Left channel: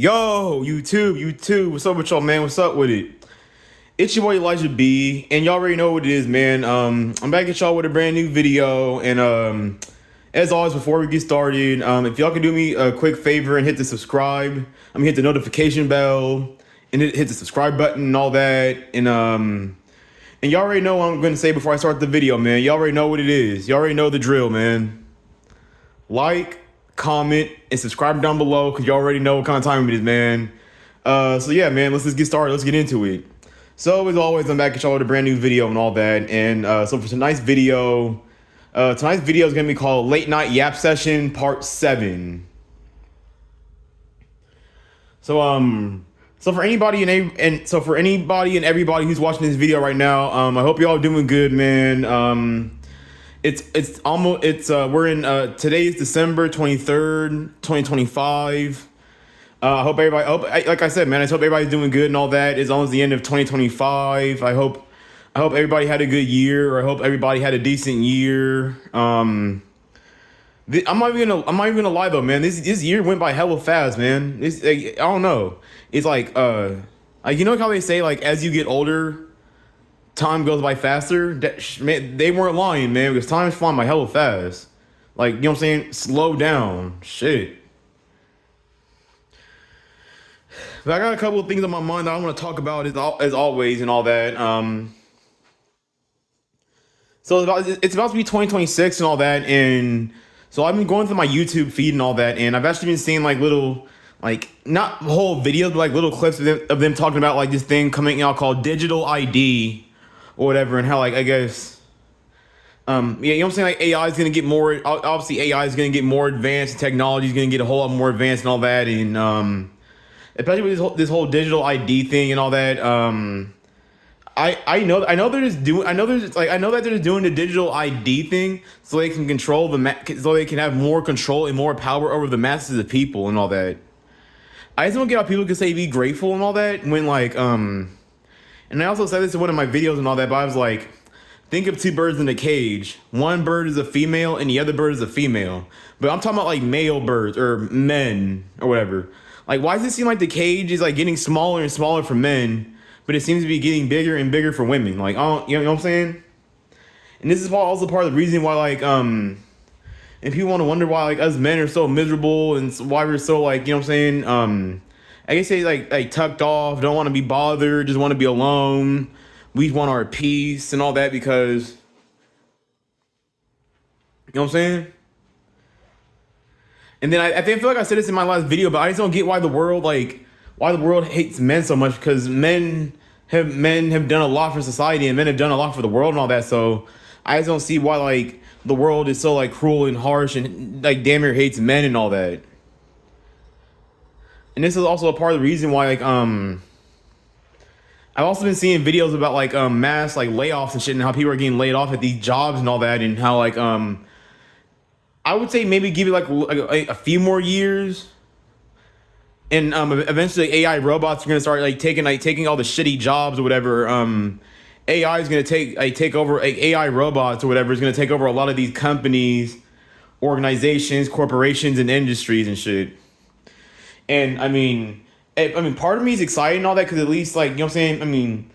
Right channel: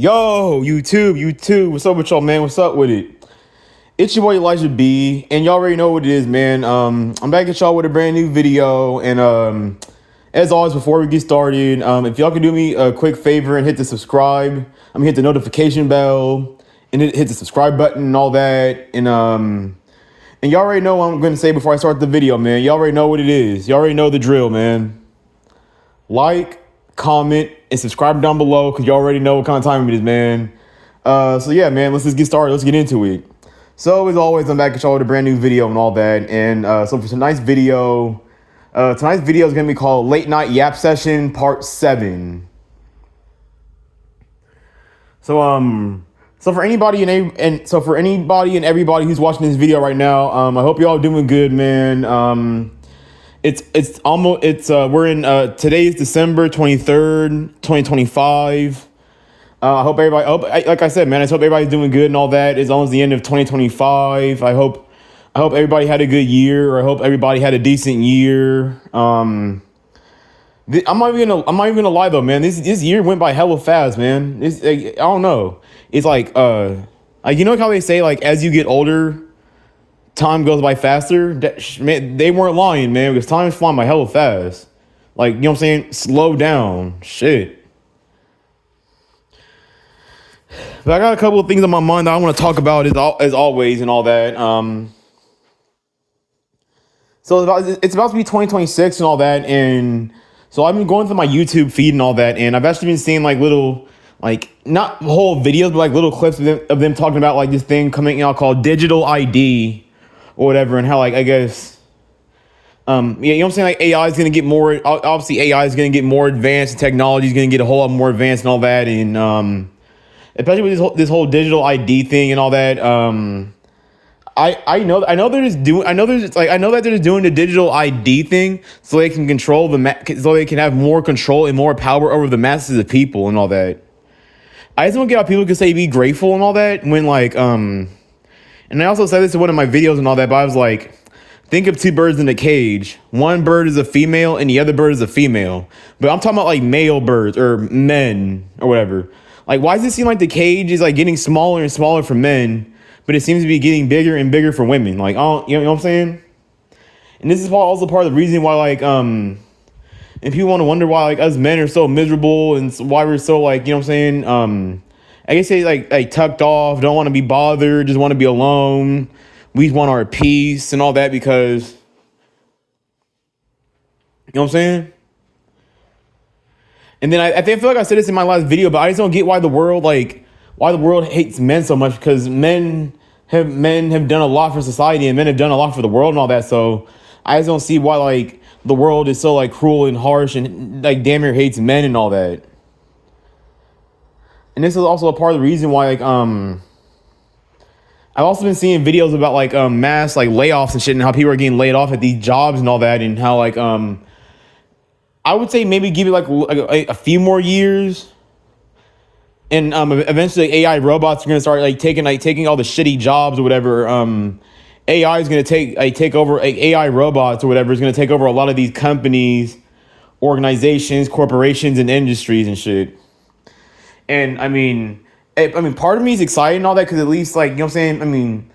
Yo, YouTube, what's up with y'all, man? What's up with it? It's your boy Elijah B, and y'all already know what it is, man. I'm back at y'all with a brand new video, and as always, before we get started, if y'all can do me a quick favor and hit the subscribe, hit the notification bell, and hit the subscribe button and all that, and y'all already know what I'm going to say before I start the video, man. Y'all already know what it is. Y'all already know the drill, man. Like, comment, and subscribe down below because you already know what kind of time it is, man. So yeah, man, let's just get started. Let's get into it. So as always, I'm back at y'all with a brand new video and all that. And so for tonight's video is gonna be called Late Night Yap Session Part 7. So for anybody and everybody who's watching this video right now, I hope y'all doing good, man. We're in today's December 23rd, 2025. Like I said, man, I hope everybody's doing good and all that. It's almost the end of 2025. I hope everybody had a good year, or I hope everybody had a decent year. I'm not even gonna lie though, man. This year went by hella fast, man. I don't know. It's like you know how they say, like, as you get older, time goes by faster. Man, they weren't lying, man, because time is flying by hella fast. Like, you know what I'm saying? Slow down. Shit. But I got a couple of things on my mind that I want to talk about as always and all that. So it's about to be 2026 and all that, and so I've been going through my YouTube feed and all that, and I've actually been seeing like little, like, not whole videos, but like little clips of them talking about like this thing coming out called digital ID or whatever, and how, like, I guess, yeah, you know what I'm saying? Like, AI is gonna get more. Obviously, AI is gonna get more advanced. Technology is gonna get a whole lot more advanced and all that, and especially with this whole digital ID thing and all that. I know they're just doing. I know that they're just doing the digital ID thing so they can control so they can have more control and more power over the masses of people and all that. I just don't get how people can say be grateful and all that when, like, and I also said this in one of my videos and all that, but I was like, think of two birds in a cage. One bird is a female and the other bird is a female. But I'm talking about like male birds or men or whatever. Like, why does it seem like the cage is like getting smaller and smaller for men, but it seems to be getting bigger and bigger for women? Like, you know what I'm saying? And this is also part of the reason why, like, and people want to wonder why, like, us men are so miserable and why we're so, like, you know what I'm saying? I guess they like tucked off, don't want to be bothered, just want to be alone. We want our peace and all that because, you know what I'm saying? And then I feel like I said this in my last video, but I just don't get why the world hates men so much, because men have done a lot for society and men have done a lot for the world and all that. So I just don't see why, like, the world is so, like, cruel and harsh and, like, damn near hates men and all that. And this is also a part of the reason why, like, I've also been seeing videos about, like, mass, like, layoffs and shit, and how people are getting laid off at these jobs and all that, and how, like, I would say maybe give it like a few more years, and eventually AI robots are gonna start taking all the shitty jobs or whatever. AI is gonna take over. AI robots or whatever is gonna take over a lot of these companies, organizations, corporations, and industries and shit. And I mean, part of me is excited and all that, because at least, like, you know what I'm saying?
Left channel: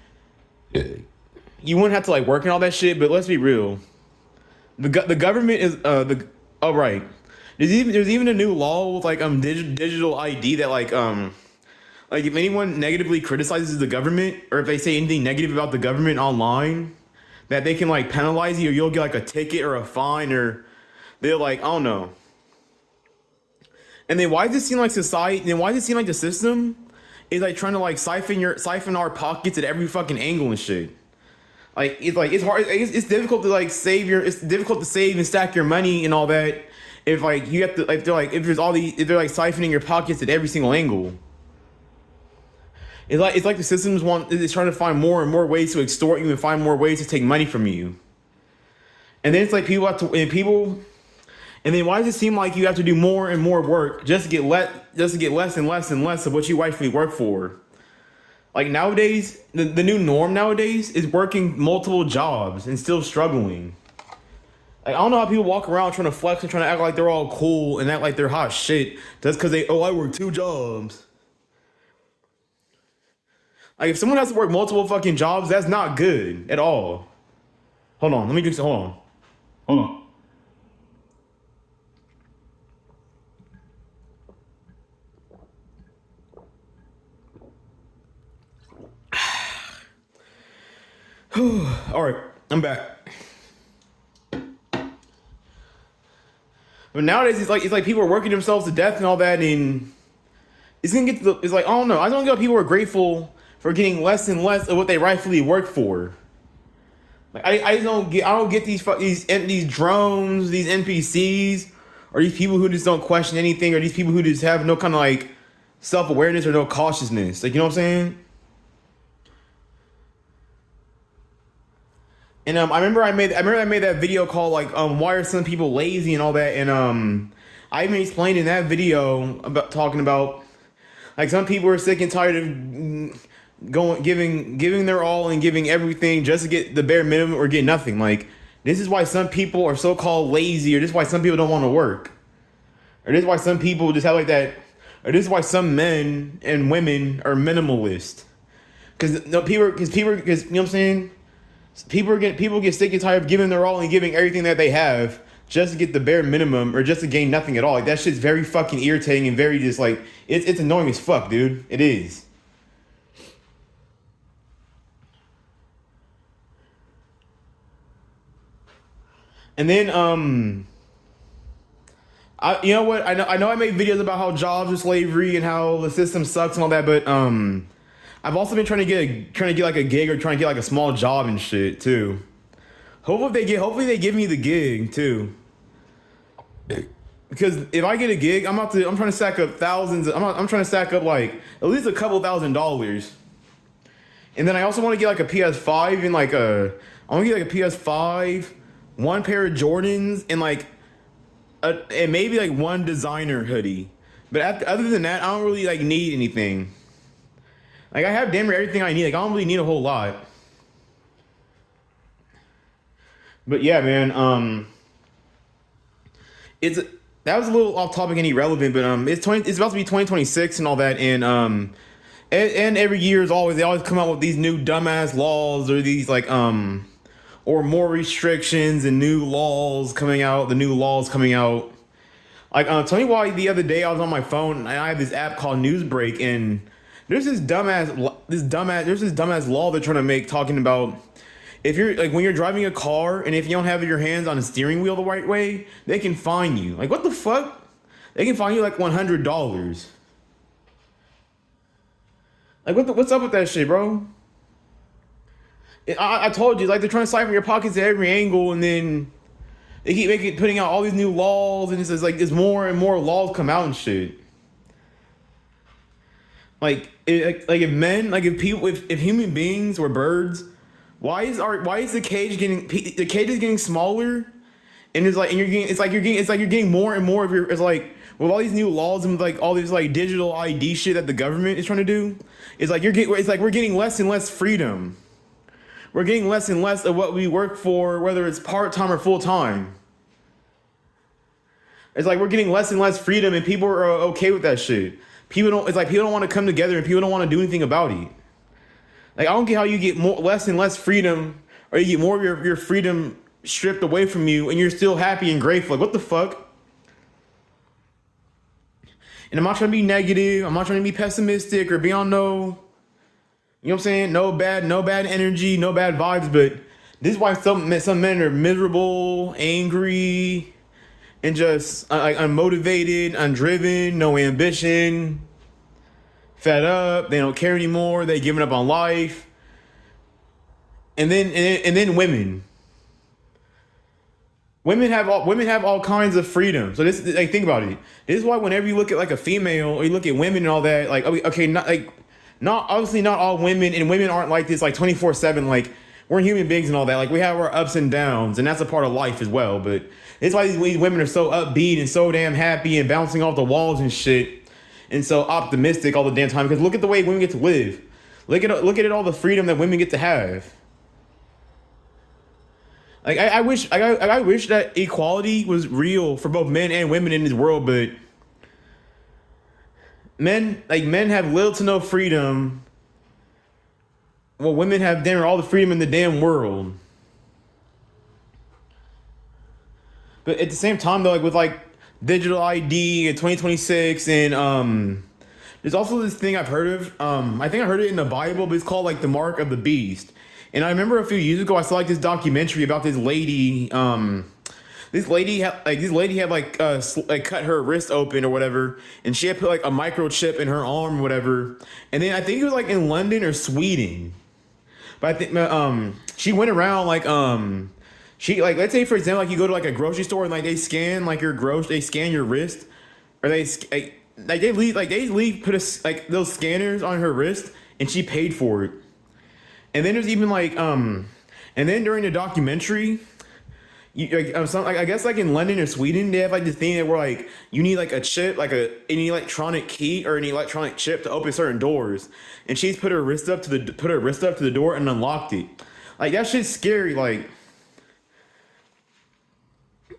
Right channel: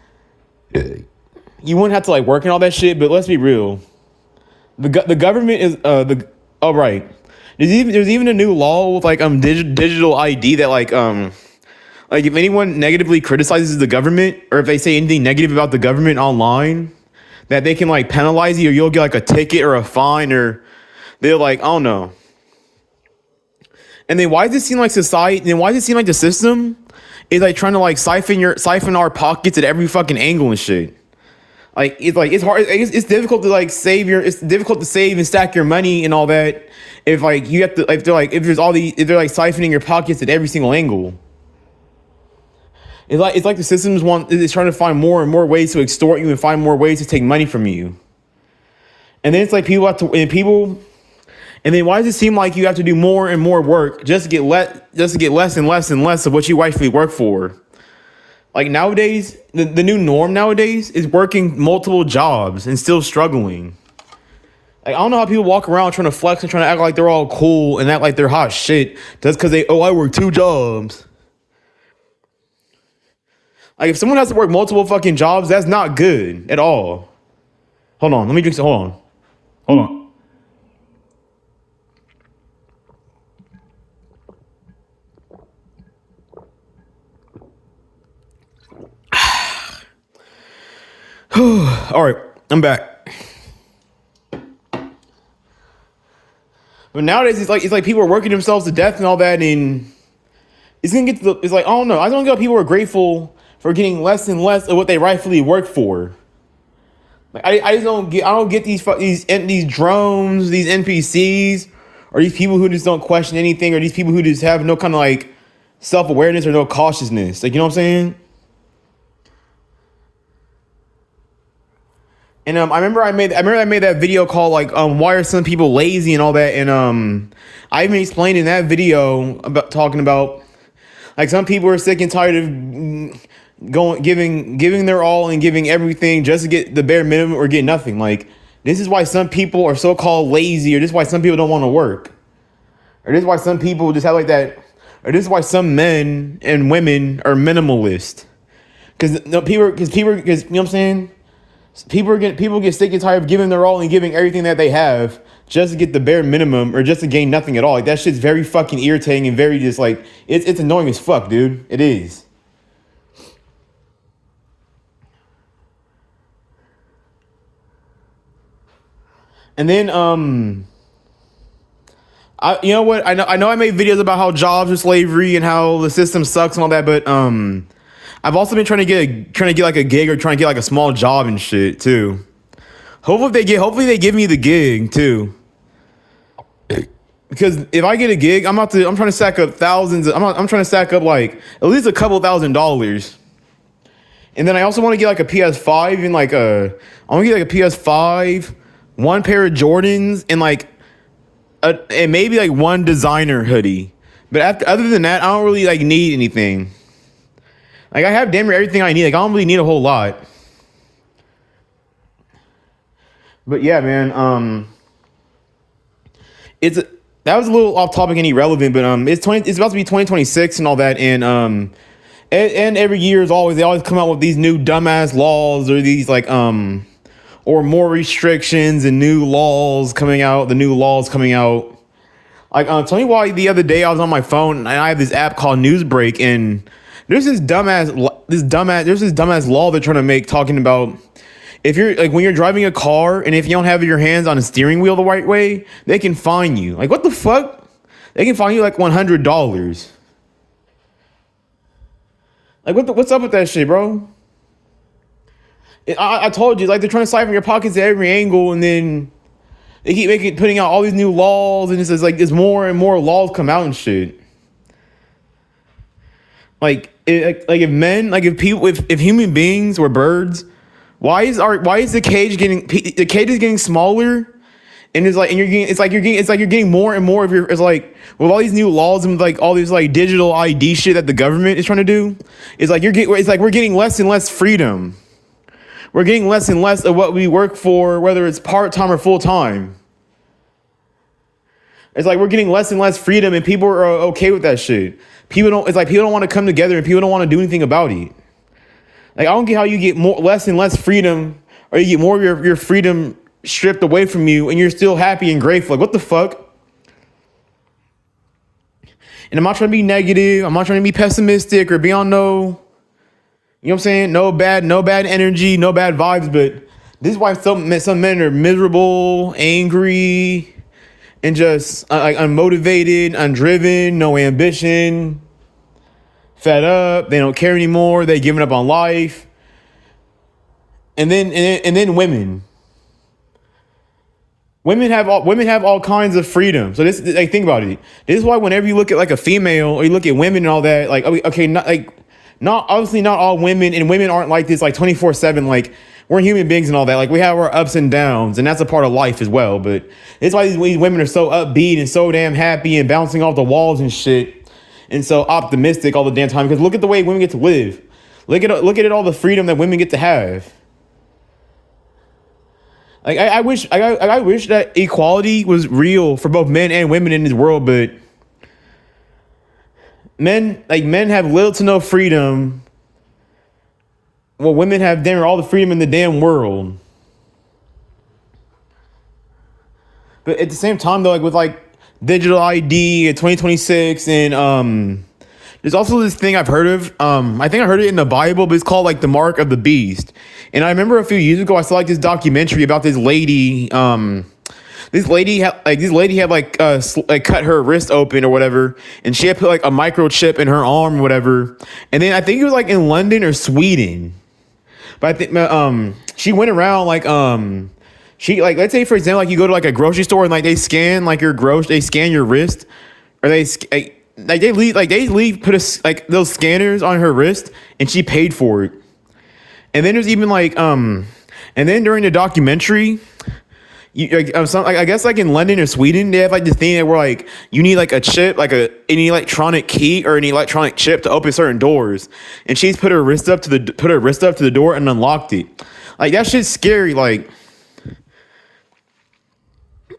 You wouldn't have to, like, work and all that shit. But let's be real. The government is oh, right. There's even a new law with, like, digital ID that, like if anyone negatively criticizes the government, or if they say anything negative about the government online, that they can, like, penalize you, or you'll get, like, a ticket or a fine, or they're like, I don't know. And then why does it seem like society? And why does it seem like the system is, like, trying to, like, siphon our pockets at every fucking angle and shit? It's hard. It's difficult to, like, it's difficult to save and stack your money and all that. If, like, you have to, if they're like siphoning your pockets at every single angle. It's like the systems is trying to find more and more ways to extort you and find more ways to take money from you. And then it's like and then why does it seem like you have to do more and more work just to get less and less and less of what you rightfully work for? Like, nowadays, the new norm nowadays is working multiple jobs and still struggling. Like, I don't know how people walk around trying to flex and trying to act like they're all cool and act like they're hot shit just because I work 2 jobs. Like if someone has to work multiple fucking jobs, that's not good at all. Hold on, let me drink some. Hold on. Hold on. All right, I'm back. But nowadays it's like people are working themselves to death and all that, and it's gonna get to the, it's like I don't know. I don't get people are grateful for getting less and less of what they rightfully work for. Like I just don't get these drones, these NPCs, or these people who just don't question anything, or these people who just have no kind of like self-awareness or no cautiousness. Like, you know what I'm saying? And I remember I made that video called like why are some people lazy and all that, and I even explained in that video about talking about like some people are sick and tired of giving their all and giving everything just to get the bare minimum or get nothing. Like this is why some people are so called lazy, or this is why some people don't want to work, or this is why some people just have like that, or this is why some men and women are minimalist. Because you know what I'm saying. People get sick and tired of giving their all and giving everything that they have just to get the bare minimum or just to gain nothing at all. Like that shit's very fucking irritating and very just like it's annoying as fuck, dude. It is. And then you know what? I know I made videos about how jobs are slavery and how the system sucks and all that, but I've also been trying to get like a gig or trying to get like a small job and shit too. Hopefully they give me the gig too. Because if I get a gig, I'm trying to stack up thousands. I'm trying to stack up like at least a couple $1,000s. And then I also want to get like a PS5 and I want to get like a PS5, one pair of Jordans, and like and maybe like one designer hoodie. But other than that, I don't really like need anything. Like I have damn near everything I need. Like I don't really need a whole lot. But yeah, man. That was a little off topic and irrelevant, but it's about to be 2026 and all that, and every year they always come out with these new dumbass laws or these like or more restrictions and new laws coming out. The new laws coming out. Like tell me why the other day I was on my phone and I have this app called Newsbreak, and there's this dumbass law they're trying to make talking about if you're like when you're driving a car and if you don't have your hands on a steering wheel the right way, they can fine you. Like what the fuck? They can fine you like $100. Like what's up with that shit, bro? I told you, like they're trying to siphon your pockets at every angle, and then they keep putting out all these new laws, and it's just like there's more and more laws come out and shit. Like if human beings were birds, why is the cage getting smaller, and you're getting more and more of your, it's like with all these new laws and like all these like digital ID shit that the government is trying to do, it's like we're getting less and less freedom. We're getting less and less of what we work for, whether it's part-time or full-time. It's like we're getting less and less freedom, and people are okay with that shit. People don't want to come together, and people don't want to do anything about it. Like I don't get how you get less and less freedom, or you get more of your freedom stripped away from you, and you're still happy and grateful. Like what the fuck? And I'm not trying to be negative. I'm not trying to be pessimistic or be on no. You know what I'm saying? No bad energy, no bad vibes, but this is why some men are miserable, angry, and just unmotivated, undriven, no ambition, fed up. They don't care anymore. They're giving up on life. And then women. Women have all kinds of freedom. So this, like, think about it. This is why whenever you look at like a female or you look at women and all that, like okay, not obviously not all women, and women aren't like this like 24/7. Like we're human beings and all that. Like we have our ups and downs, and that's a part of life as well. But it's why these women are so upbeat and so damn happy and bouncing off the walls and shit, and so optimistic all the damn time. Because look at the way women get to live. Look at all the freedom that women get to have. Like I wish that equality was real for both men and women in this world, but men have little to no freedom, well, women have damn all the freedom in the damn world. But at the same time, though, like with like digital ID in 2026, and there's also this thing I've heard of. I think I heard it in the Bible, but it's called like the mark of the beast. And I remember a few years ago, I saw like this documentary about this lady. This lady had like cut her wrist open or whatever, and she had put like a microchip in her arm or whatever. And then I think it was like in London or Sweden. But I think she went around like she like, let's say for example, like you go to like a grocery store and like they scan like they scan your wrist, or they leave put like those scanners on her wrist, and she paid for it. And then there's even like and then during the documentary, I guess like in London or Sweden, they have like this thing where like you need like a chip, like an electronic key or an electronic chip to open certain doors. And she's put her wrist up to the door and unlocked it. Like that shit's scary. Like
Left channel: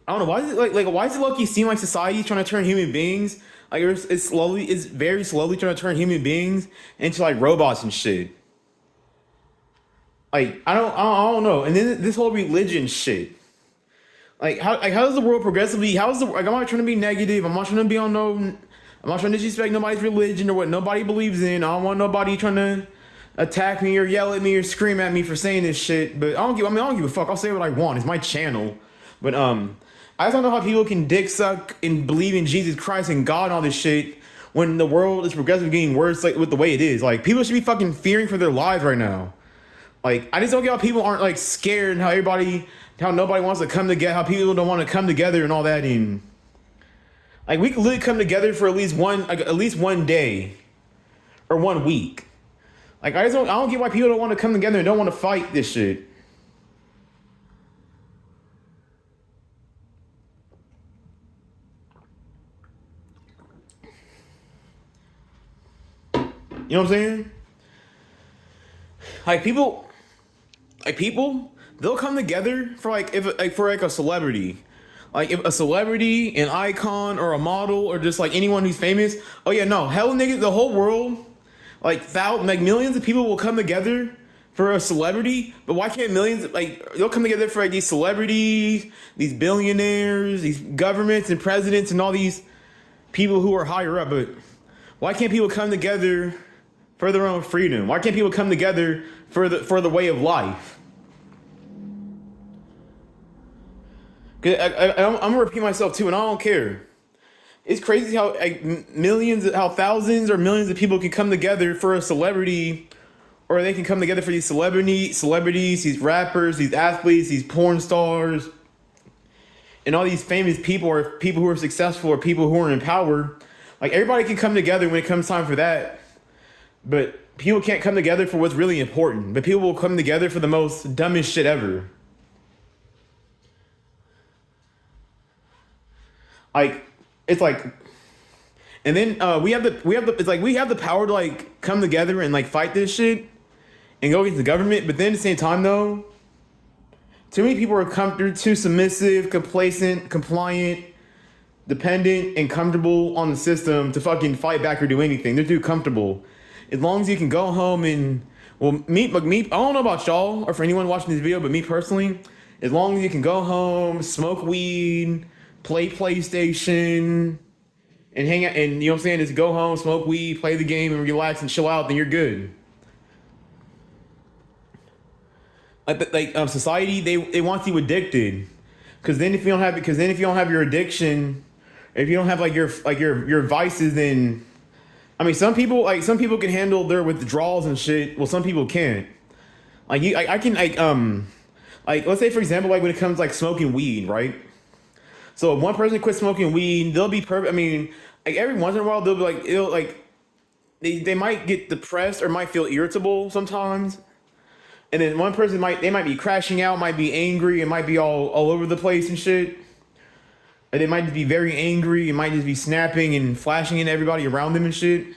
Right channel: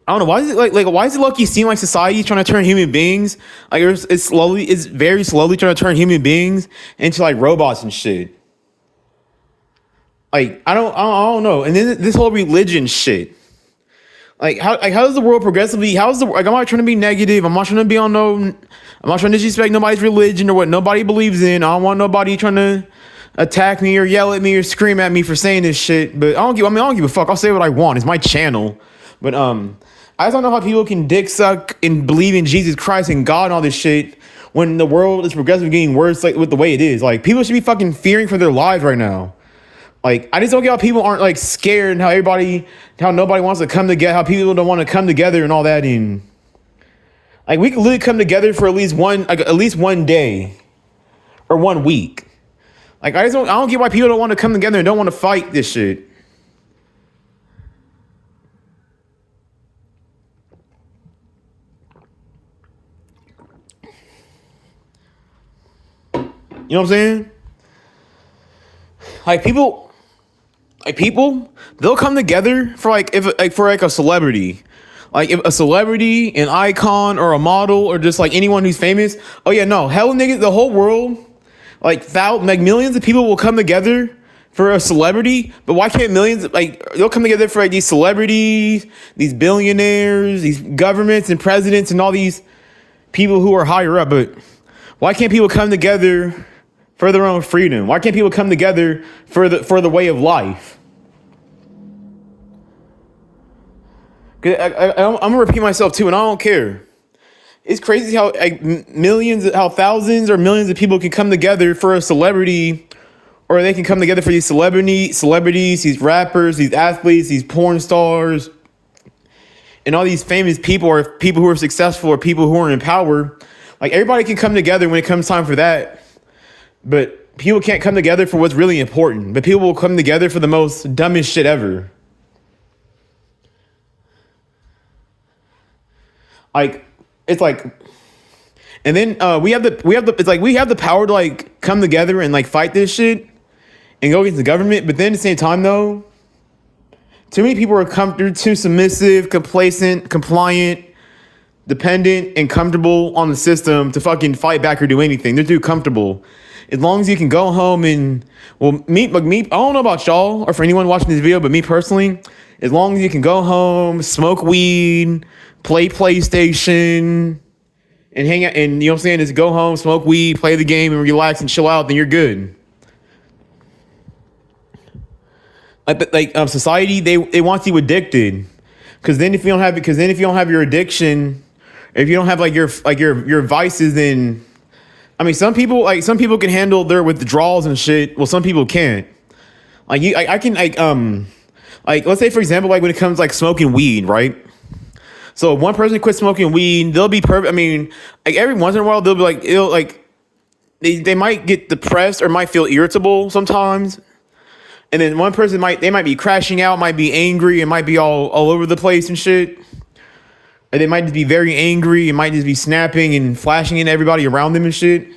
I don't know, why is it like why does it low-key seem like society trying to turn human beings, like it's very slowly trying to turn human beings into like robots and shit. Like I don't know. And then this whole religion shit. Like how does the world progressively? I'm not trying to be negative. I'm not trying to be on no. I'm not trying to disrespect nobody's religion or what nobody believes in. I don't want nobody trying to attack me or yell at me or scream at me for saying this shit. But I don't give a fuck. I'll say what I want. It's my channel. But I just don't know how people can dick suck and believe in Jesus Christ and God and all this shit when the world is progressively getting worse, like with the way it is. Like people should be fucking fearing for their lives right now. Like I just don't get how people aren't like scared, and how nobody wants to come together, how people don't want to come together and all that. And like we can literally come together for at least one day or 1 week. Like I don't get why people don't want to come together and don't want to fight this shit. You know what I'm saying? Like people, they'll come together for like for a celebrity. Like if a celebrity, an icon, or a model, or just like anyone who's famous. Oh yeah, no, hell niggas, the whole world, like millions of people will come together for a celebrity. But why can't millions, like they'll come together for like these celebrities, these billionaires, these governments and presidents and all these people who are higher up, but why can't people come together for their own freedom? Why can't people come together for the way of life? I'm gonna repeat myself too, and I don't care. It's crazy how thousands or millions of people can come together for a celebrity, or they can come together for these celebrities, these rappers, these athletes, these porn stars, and all these famous people, or people who are successful, or people who are in power. Like everybody can come together when it comes time for that, but people can't come together for what's really important. But people will come together for the most dumbest shit ever. Like it's like, and then we have the power to like come together and like fight this shit and go against the government. But then at the same time though, too many people are too submissive, complacent, compliant, dependent, and comfortable on the system to fucking fight back or do anything. They're too comfortable. As long as you can go home and, well, me, I don't know about y'all or for anyone watching this video, but me personally, as long as you can go home, smoke weed, play PlayStation, and hang out, and you know what I'm saying, just go home, smoke weed, play the game, and relax and chill out, then you're good. Society, they want you addicted, because then if you don't have your addiction, if you don't have your vices, then I mean some people can handle their withdrawals and shit. Well, some people can't. Let's say for example, like when it comes like smoking weed, right? So if one person quits smoking weed, they'll be perfect. I mean, like every once in a while they'll be like they might get depressed or might feel irritable sometimes. And then one person might be crashing out, might be angry, and might be all over the place and shit. And they might just be very angry and might just be snapping and flashing into everybody around them and shit. You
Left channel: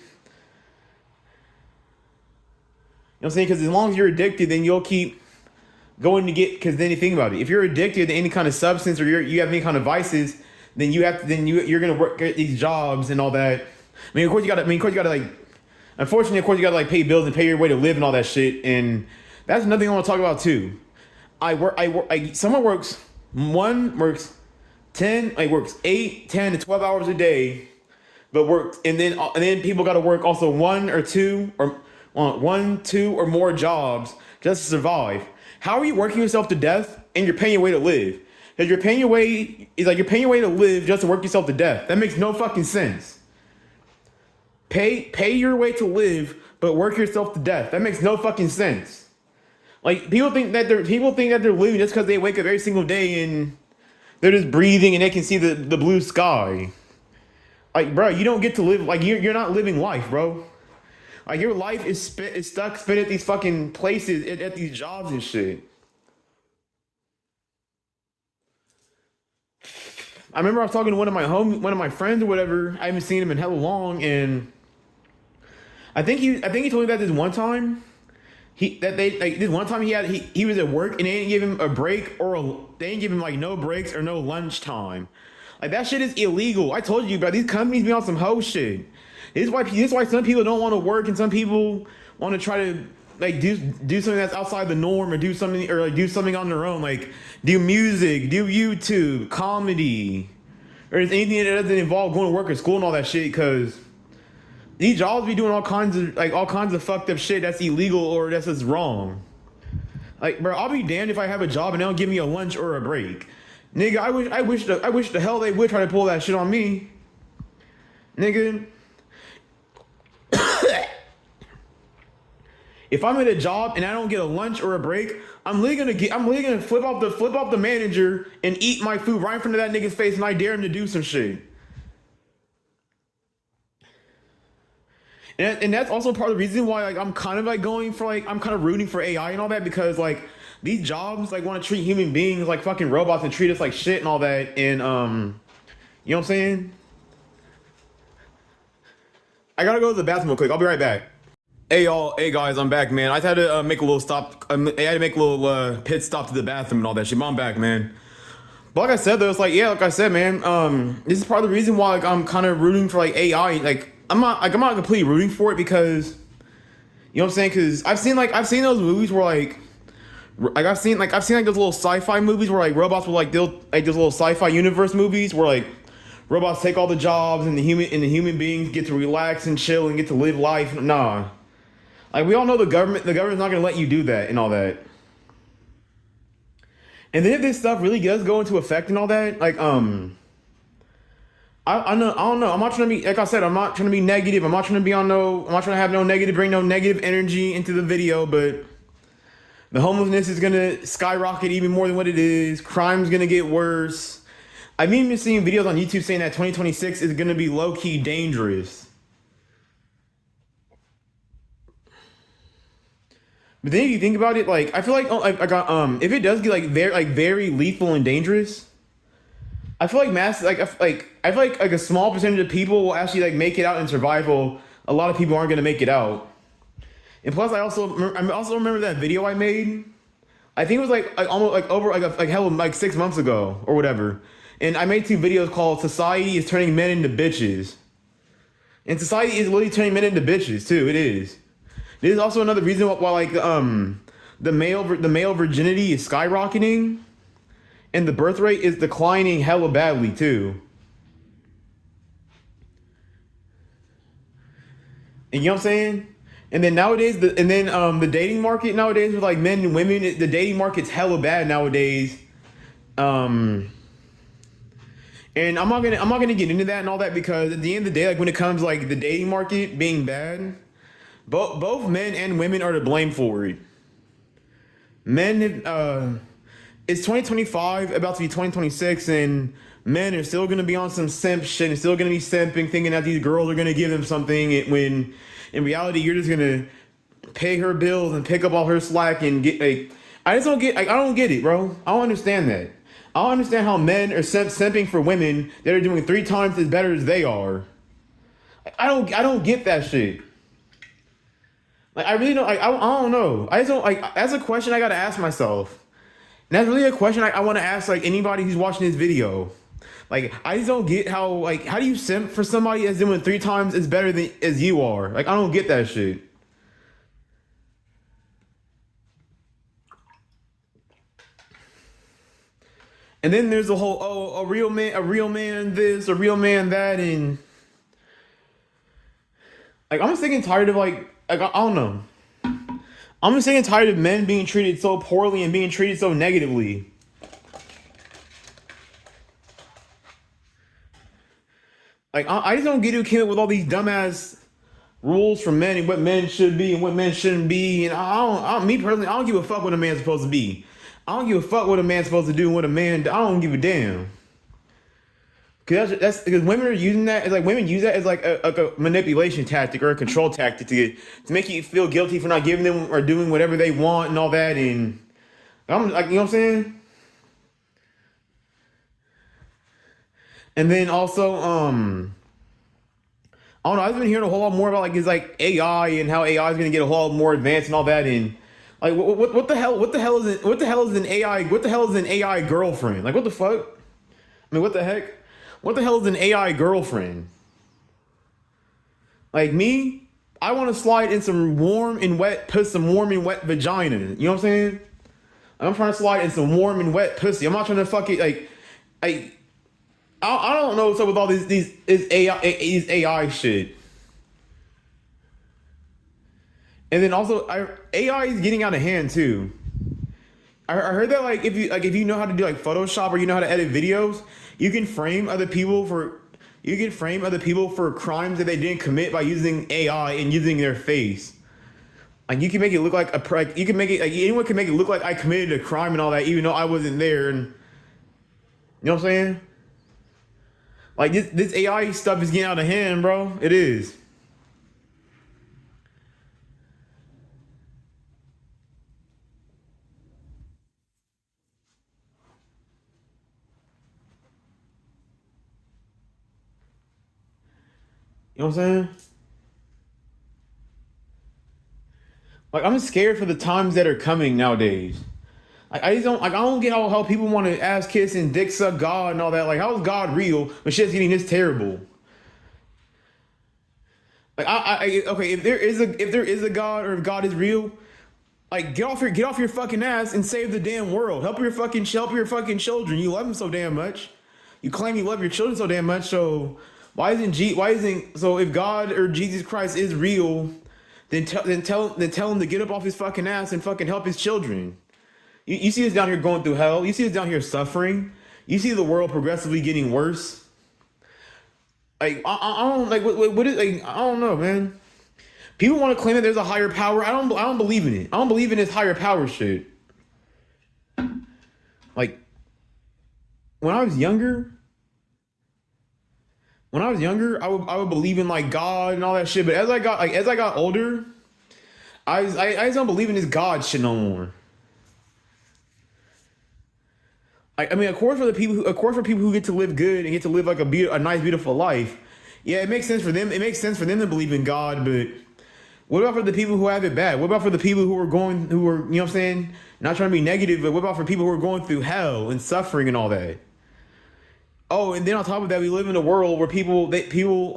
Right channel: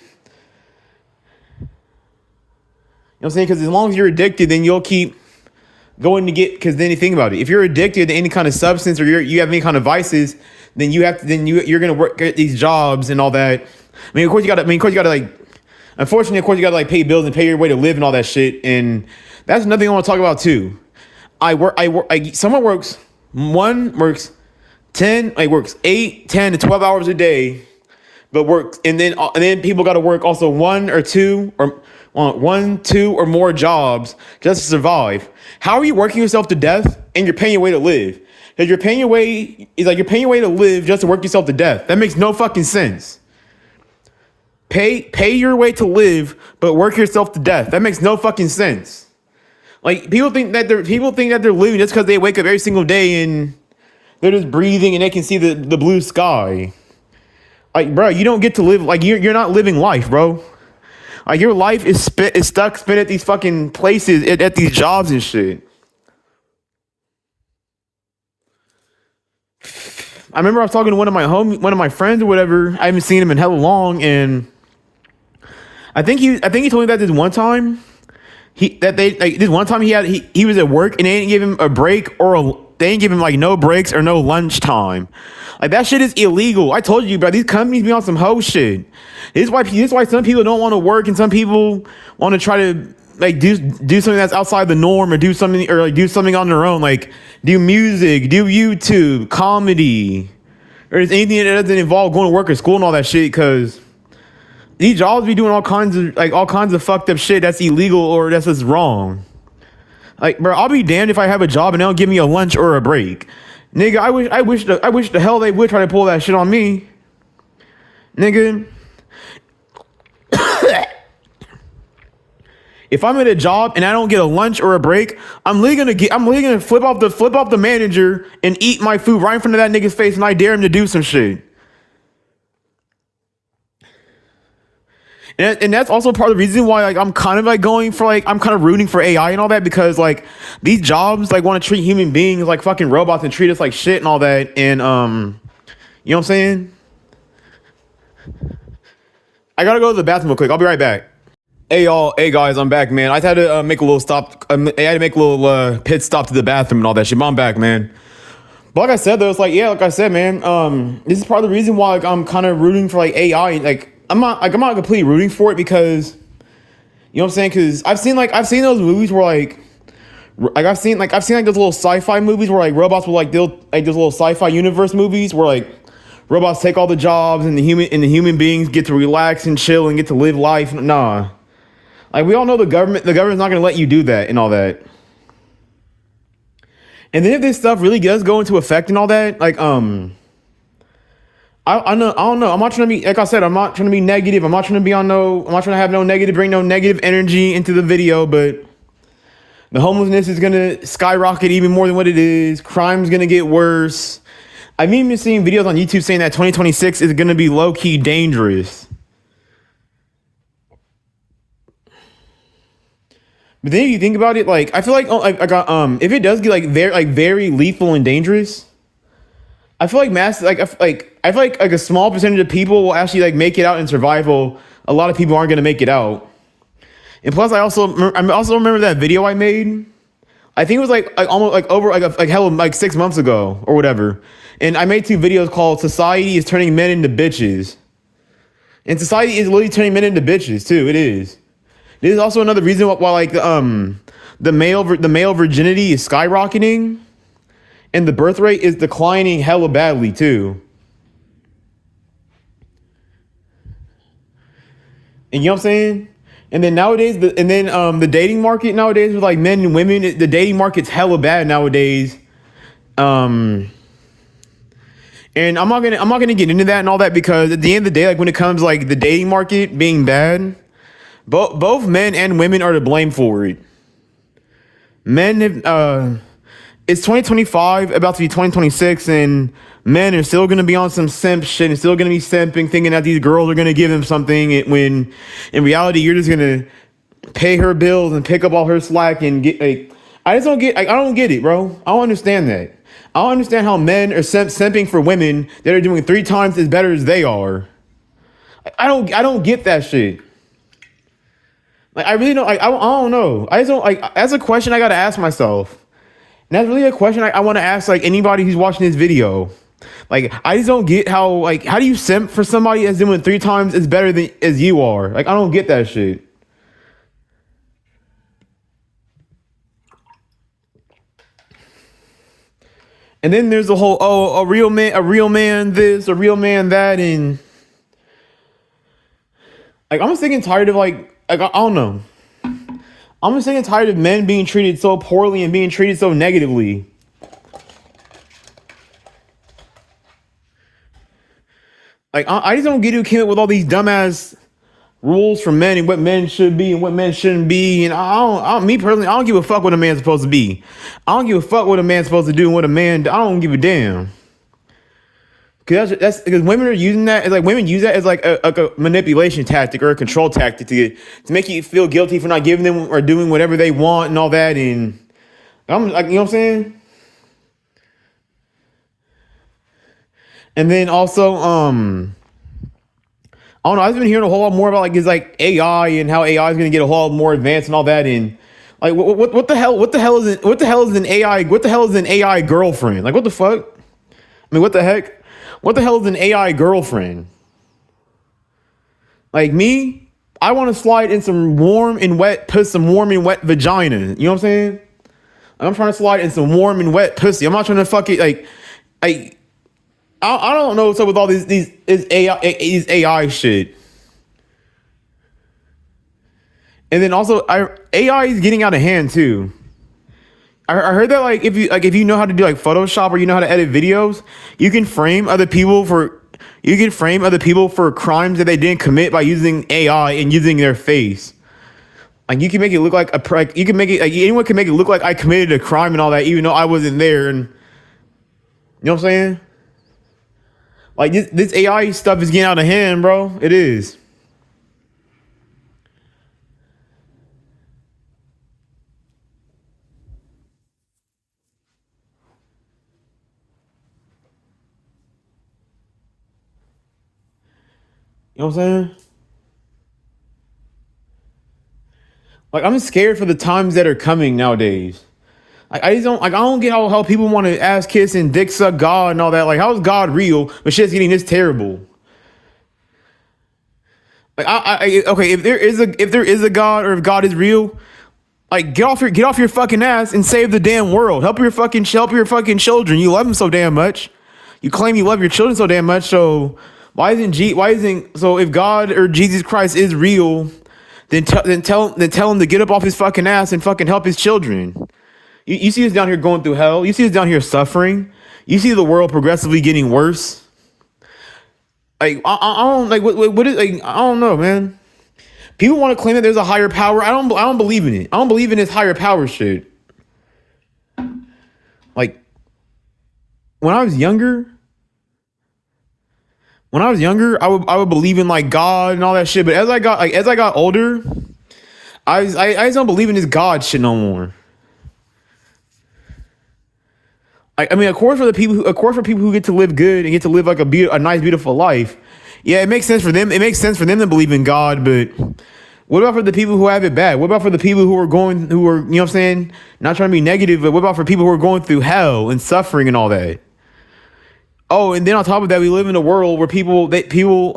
know what I'm saying? Because as long as you're addicted, then you'll keep going to get, because then you think about it. If you're addicted to any kind of substance or you have any kind of vices, then you're gonna work at these jobs and all that. I mean, of course you gotta like, Unfortunately, of course, you gotta like pay bills and pay your way to live and all that shit. And that's another thing I want to talk about too. Someone works 10, like works 8, 10 to 12 hours a day, but works, and then people got to work also one, two, or more jobs just to survive. How are you working yourself to death and you're paying your way to live? Because you're paying your way to live just to work yourself to death. That makes no fucking sense. Pay your way to live, but work yourself to death. That makes no fucking sense. Like people think that they're living just because they wake up every single day and they're just breathing and they can see the blue sky. Like, bro, you don't get to live, like, you're not living life, bro. Like, your life is stuck spent at these fucking places, at these jobs and shit. I remember I was talking to one of my friends or whatever. I haven't seen him in hella long, and I think he told me that this one time. He was at work and they didn't give him a break they didn't give him like no breaks or no lunch time. Like that shit is illegal. I told you, bro. These companies be on some hoe shit. This is why some people don't want to work and some people want to try to like do something that's outside the norm or do something on their own, like do music, do YouTube, comedy, or anything that doesn't involve going to work or school and all that shit. Because these jobs be doing all kinds of fucked up shit that's illegal or that's just wrong. Like, bro, I'll be damned if I have a job and they don't give me a lunch or a break. Nigga, I wish the hell they would try to pull that shit on me. Nigga. If I'm at a job and I don't get a lunch or a break, I'm literally gonna flip off the manager and eat my food right in front of that nigga's face, and I dare him to do some shit. And that's also part of the reason why like I'm kind of rooting for AI and all that, because like these jobs like want to treat human beings like fucking robots and treat us like shit and all that. And you know what I'm saying? I gotta go to the bathroom real quick. I'll be right back. Hey y'all, hey guys, I'm back, man. I had to make a little stop. I had to make a little pit stop to the bathroom and all that shit. But I'm back, man. But like I said, though, it's like, yeah, like I said, man. This is part of the reason why like I'm kind of rooting for like AI. Like I'm not completely rooting for it because, you know what I'm saying? Because I've seen those movies where like I've seen like those little sci-fi movies where like robots will like those little sci-fi universe movies where like robots take all the jobs and the human beings get to relax and chill and get to live life. Nah. Like, we all know the government's not going to let you do that and all that. And then if this stuff really does go into effect and all that, like, I don't know. I'm not trying to be, like I said, I'm not trying to be negative. I'm not trying to have no negative, bring no negative energy into the video, but the homelessness is going to skyrocket even more than what it is. Crime's going to get worse. I've even been seeing videos on YouTube saying that 2026 is going to be low-key dangerous. But then if you think about it, like I feel like if it does get like very lethal and dangerous, I feel like I feel like a small percentage of people will actually like make it out in survival. A lot of people aren't gonna make it out. And plus, I also remember that video I made. I think it was like almost like over like 6 months ago or whatever. And I made 2 videos called "Society is Turning Men into Bitches," and society is literally turning men into bitches too. It is. This is also another reason why like the male virginity is skyrocketing, and the birth rate is declining hella badly too. And you know what I'm saying? And then nowadays, the dating market nowadays with like men and women, the dating market's hella bad nowadays. And I'm not gonna get into that and all that, because at the end of the day, like when it comes like the dating market being bad, both men and women are to blame for it. It's 2025, about to be 2026, and men are still gonna be on some simp shit and still gonna be simping, thinking that these girls are gonna give them something, when in reality you're just gonna pay her bills and pick up all her slack and get like. I don't get it, bro. I don't understand that. I don't understand how men are simping for women that are doing 3 times as better as they are. I don't get that shit. Like, I really don't. Like, I don't know. I just don't like. That's a question I gotta ask myself. And that's really a question I want to ask like anybody who's watching this video. Like, I just don't get how, like, how do you simp for somebody that's doing 3 times as better than as you are? Like, I don't get that shit. And then there's the whole, oh, a real man this, a real man that, and like, I'm sick and tired of I don't know. I'm sick and tired of men being treated so poorly and being treated so negatively. Like, I just don't get who came up with all these dumbass rules for men and what men should be and what men shouldn't be. And me personally, I don't give a fuck what a man's supposed to be. I don't give a fuck what a man's supposed to do and what a man. I don't give a damn. Cause that's because women are using that. It's like women use that as like a manipulation tactic or a control tactic to make you feel guilty for not giving them or doing whatever they want and all that. And I'm like, you know what I'm saying? And then also, I don't know. I've been hearing a whole lot more about like is like AI and how AI is going to get a whole lot more advanced and all that. And like, what the hell? What the hell is an AI? What the hell is an AI girlfriend? Like, what the fuck? I mean, what the heck? What the hell is an AI girlfriend? Like me, I want to slide in some warm and wet, put some warm and wet vagina. You know what I'm saying? I'm trying to slide in some warm and wet pussy. I'm not trying to fuck it like I don't know what's up with all these AI shit. And then also, AI is getting out of hand too. I heard that like if you know how to do like Photoshop or you know how to edit videos, you can frame other people for crimes that they didn't commit by using AI and using their face. Like you can make it look like you can make it like anyone can make it look like I committed a crime and all that, even though I wasn't there. And you know what I'm saying? Like this AI stuff is getting out of hand, bro. It is. You know what I'm saying? Like I'm scared for the times that are coming nowadays. Like I don't get how people want to ass kiss and dick suck God and all that. Like how is God real, but shit's getting this terrible? Like okay, if there is a God or if God is real, like get off your fucking ass and save the damn world. Help your fucking children. You love them so damn much. You claim you love your children so damn much. So why isn't so if God or Jesus Christ is real, then tell him to get up off his fucking ass and fucking help his children. You see us down here going through hell. You see us down here suffering. You see the world progressively getting worse. Like I don't like what is like I don't know, man. People want to claim that there's a higher power. I don't believe in it. I don't believe in this higher power shit. Like when I was younger, I would believe in like God and all that shit. But as I got older, I just don't believe in this God shit no more. I mean, of course, for people who get to live good and get to live like a nice, beautiful life, yeah, it makes sense for them. It makes sense for them to believe in God. But what about for the people who have it bad? What about for the people who are you know what I'm saying, not trying to be negative, but what about for people who are going through hell and suffering and all that? Oh, and then on top of that, we live in a world where people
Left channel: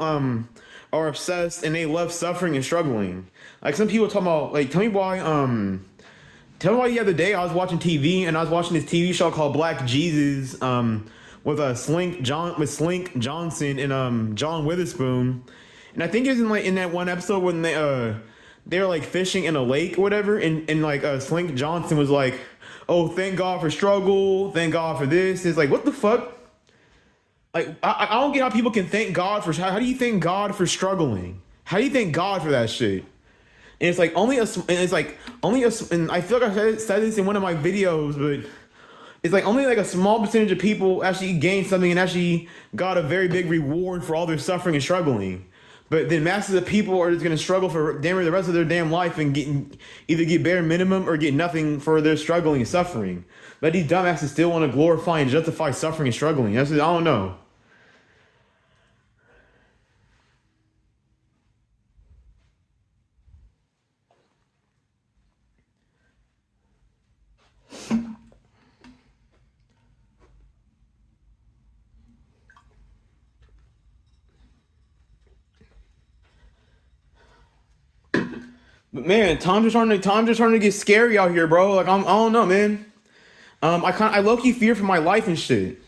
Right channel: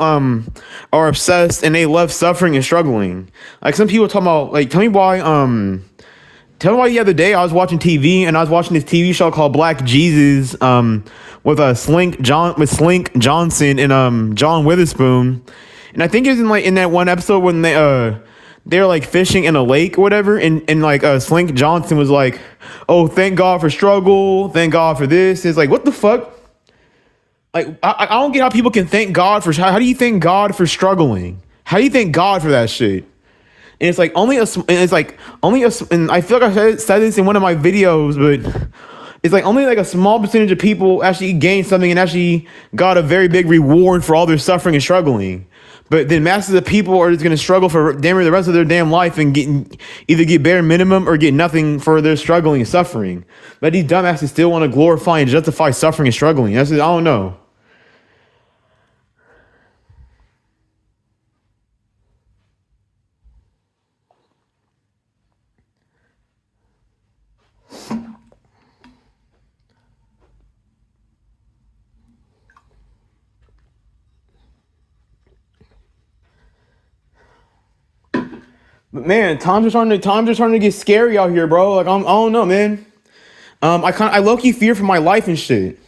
are obsessed and they love suffering and struggling. Like some people talking about like tell me why the other day I was watching TV and I was watching this TV show called Black Jesus with Slink Johnson and John Witherspoon. And I think it was in that one episode when they're like fishing in a lake or whatever and like Slink Johnson was like, "Oh, thank God for struggle. Thank God for this." It's like, "What the fuck?" Like I don't get how people can thank God for how do you thank God for struggling? How do you thank God for that shit? And it's like and I feel like I said this in one of my videos, but it's like only like a small percentage of people actually gain something and actually got a very big reward for all their suffering and struggling. But then masses of people are just gonna struggle for damn near the rest of their damn life and either get bare minimum or get nothing for their struggling and suffering. But these dumbasses still want to glorify and justify suffering and struggling. I don't know. But man, times are starting to get scary out here, bro. Like I don't know, man. I low key fear for my life and shit.